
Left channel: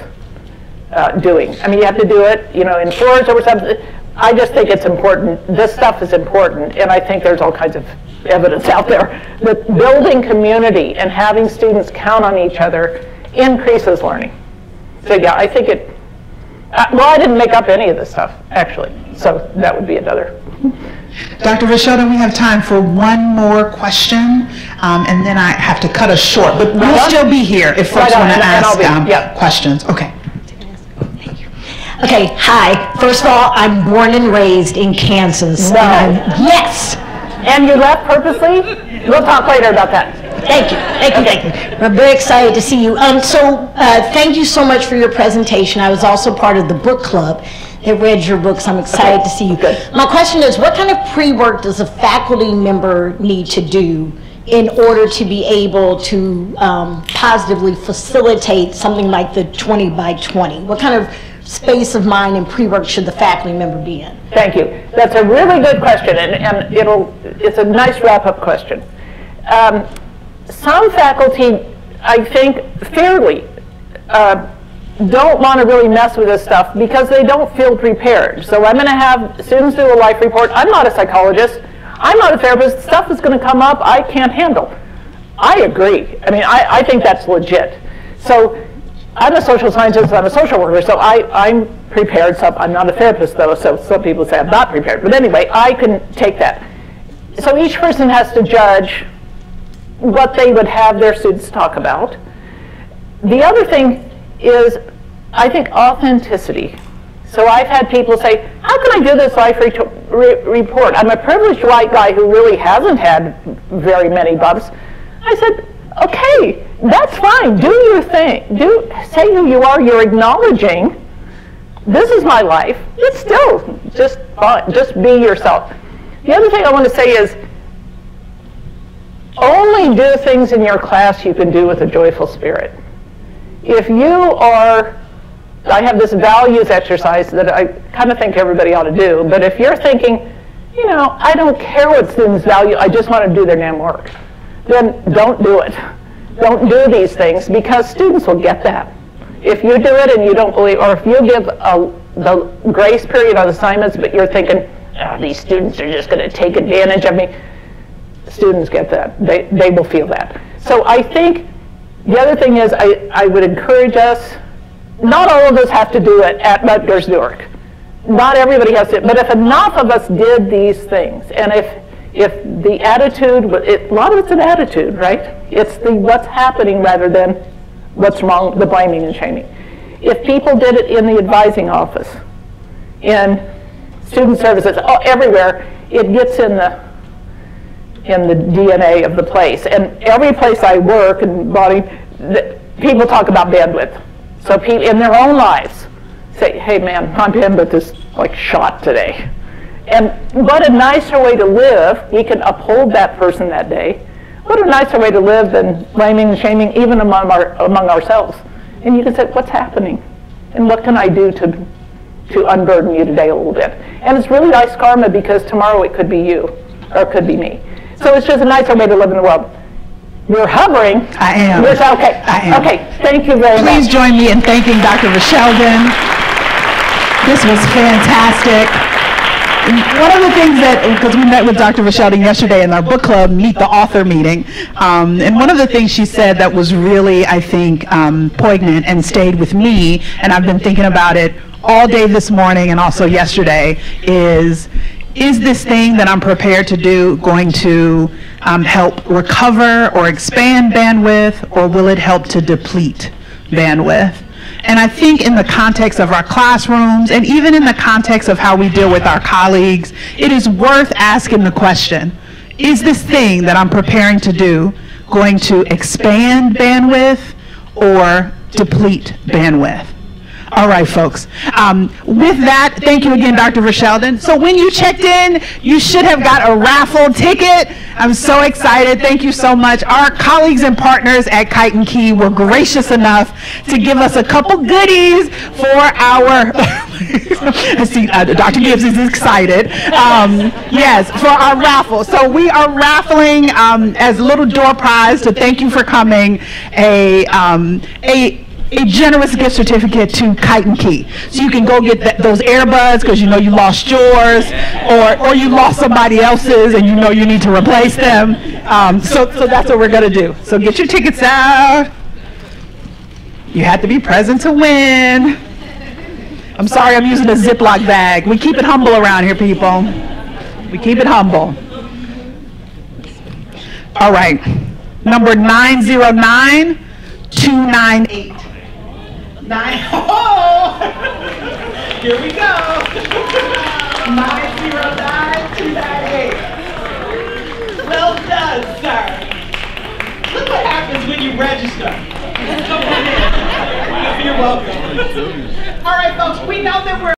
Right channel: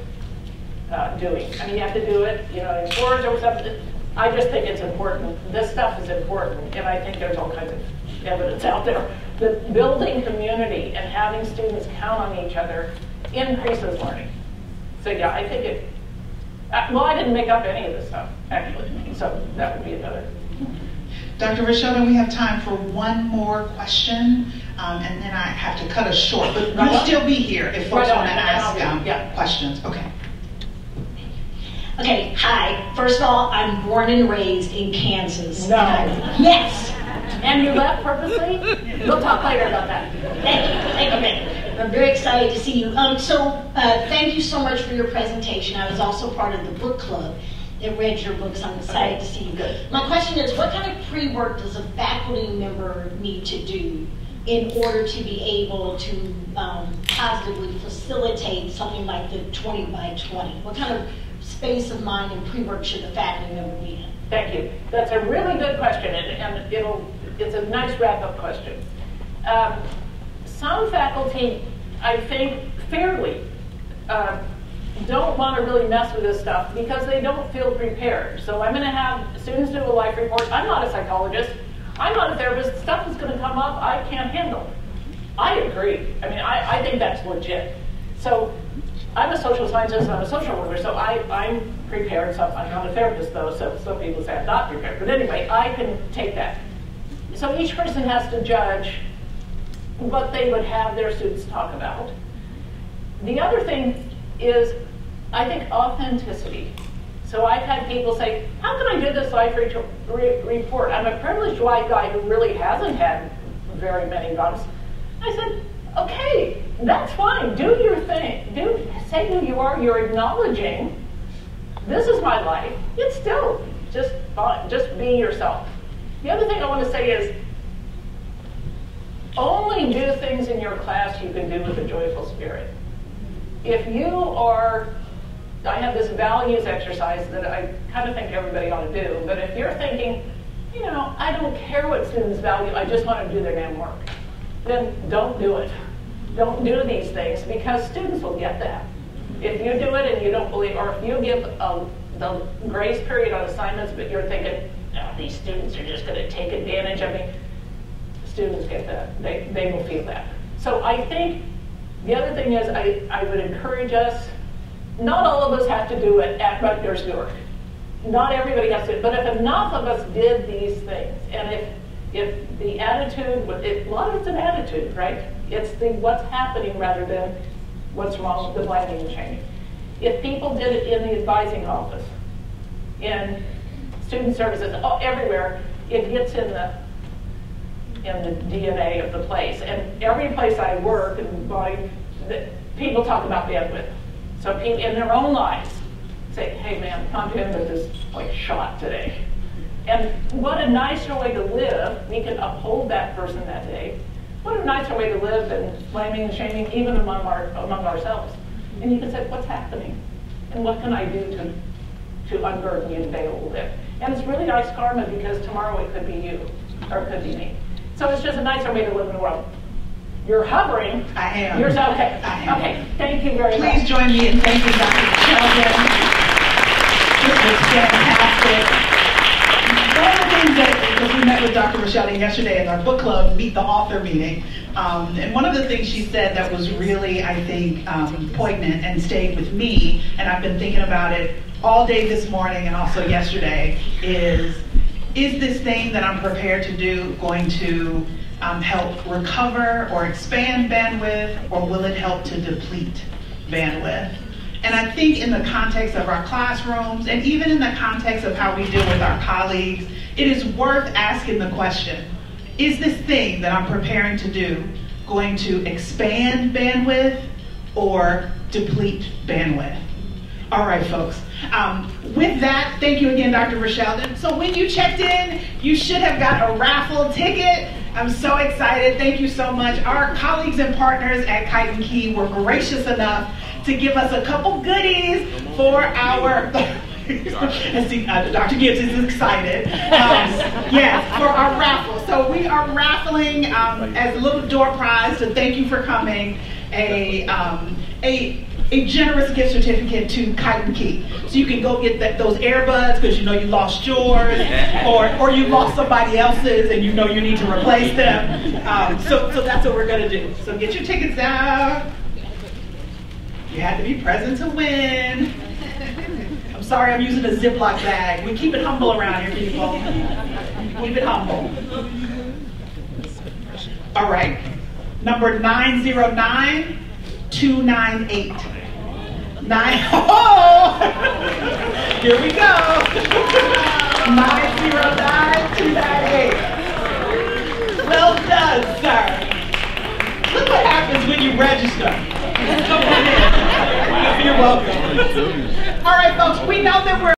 doing. I mean, you have to do it, you know, in tours or something. I just think it's important. This stuff is important, and I think there's all kinds of evidence out there that building community and having students count on each other increases learning. So yeah, I think it, well, I didn't make up any of this stuff, actually, so that would be another. Dr. Verschelden, we have time for one more question, and then I have to cut us short. But we'll still be here if folks want to ask questions. Okay. Okay, hi. First of all, I'm born and raised in Kansas. Wow. Yes. And you left purposely? We'll talk later about that. Thank you, thank you, thank you. I'm very excited to see you. Thank you so much for your presentation. I was also part of the book club. I read your books. I'm excited to see you. Good. My question is, what kind of pre-work does a faculty member need to do in order to be able to positively facilitate something like the 20 by 20? What kind of space of mind and pre-work should the faculty member be in? Thank you. That's a really good question, and it's a nice wrap-up question. Some faculty, I think, fairly, don't want to really mess with this stuff because they don't feel prepared. So I'm going to have students do a life report. I'm not a psychologist. I'm not a therapist. Stuff is going to come up I can't handle. I agree. I mean, I think that's legit. So I'm a social scientist, I'm a social worker, so I'm prepared. So I'm not a therapist, though, so some people say I'm not prepared. But anyway, I can take that. So each person has to judge what they would have their students talk about. The other thing is, I think, authenticity. So I've had people say, how can I do this life report? I'm a privileged white guy who really hasn't had very many bumps. I said, okay, that's fine. Do your thing. Say who you are. You're acknowledging, this is my life. It's still just fun. Just be yourself. The other thing I want to say is, only do things in your class you can do with a joyful spirit. If you are, I have this values exercise that I kind of think everybody ought to do, but if you're thinking, you know, I don't care what students value, I just want to do their damn work, then don't do it. Don't do these things, because students will get that. If you do it and you don't believe, or if you give the grace period on assignments, but you're thinking, oh, these students are just going to take advantage of me, students get that. They will feel that. So I think the other thing is, I would encourage us, not all of us have to do it at Rutgers Newark. Not everybody has to, but if enough of us did these things, and if the attitude, a lot of it's an attitude, right? It's the what's happening rather than what's wrong, the blaming and shaming. If people did it in the advising office, in student services, everywhere, it gets in the DNA of the place. And every place I work and body, people talk about bandwidth. So people in their own lives say, hey man, my bandwidth is like shot today. And what a nicer way to live. We can uphold that person that day. What a nicer way to live than blaming and shaming, even among ourselves. And you can say, what's happening? And what can I do to unburden you today a little bit? And it's really nice karma, because tomorrow it could be you, or it could be me. So it's just a nicer way to live in the world. You're hovering. I am. Okay. I am. Okay, thank you very much. Please join me in thanking Dr. Verschelden. This was fantastic. One of the things that, because we met with Dr. Verschelden yesterday in our book club, Meet the Author meeting, and one of the things she said that was really, I think, poignant and stayed with me, and I've been thinking about it all day this morning and also yesterday, is this thing that I'm prepared to do going to help recover or expand bandwidth, or will it help to deplete bandwidth? And I think in the context of our classrooms, and even in the context of how we deal with our colleagues, it is worth asking the question, is this thing that I'm preparing to do going to expand bandwidth or deplete bandwidth? All right, folks. With that, thank you again, Dr. Verschelden. So when you checked in, you should have got a raffle ticket. I'm so excited. Thank you so much. Our colleagues and partners at Kite and Key were gracious enough to give us a couple goodies for our, see, Dr. Gibbs is excited. Yes, for our raffle. So we are raffling as a little door prize to thank you for coming, a generous gift certificate to Kite and Key. So you can go get those earbuds because you know you lost yours, or you lost somebody else's and you know you need to replace them. So that's what we're going to do. So get your tickets out. You have to be present to win. I'm sorry I'm using a Ziploc bag. We keep it humble around here, people. We keep it humble. All right. Number 909298. Oh! Here we go. 909298. Well done, sir. Look what happens when you register. Come on in. You're welcome. All right, folks, we know that we're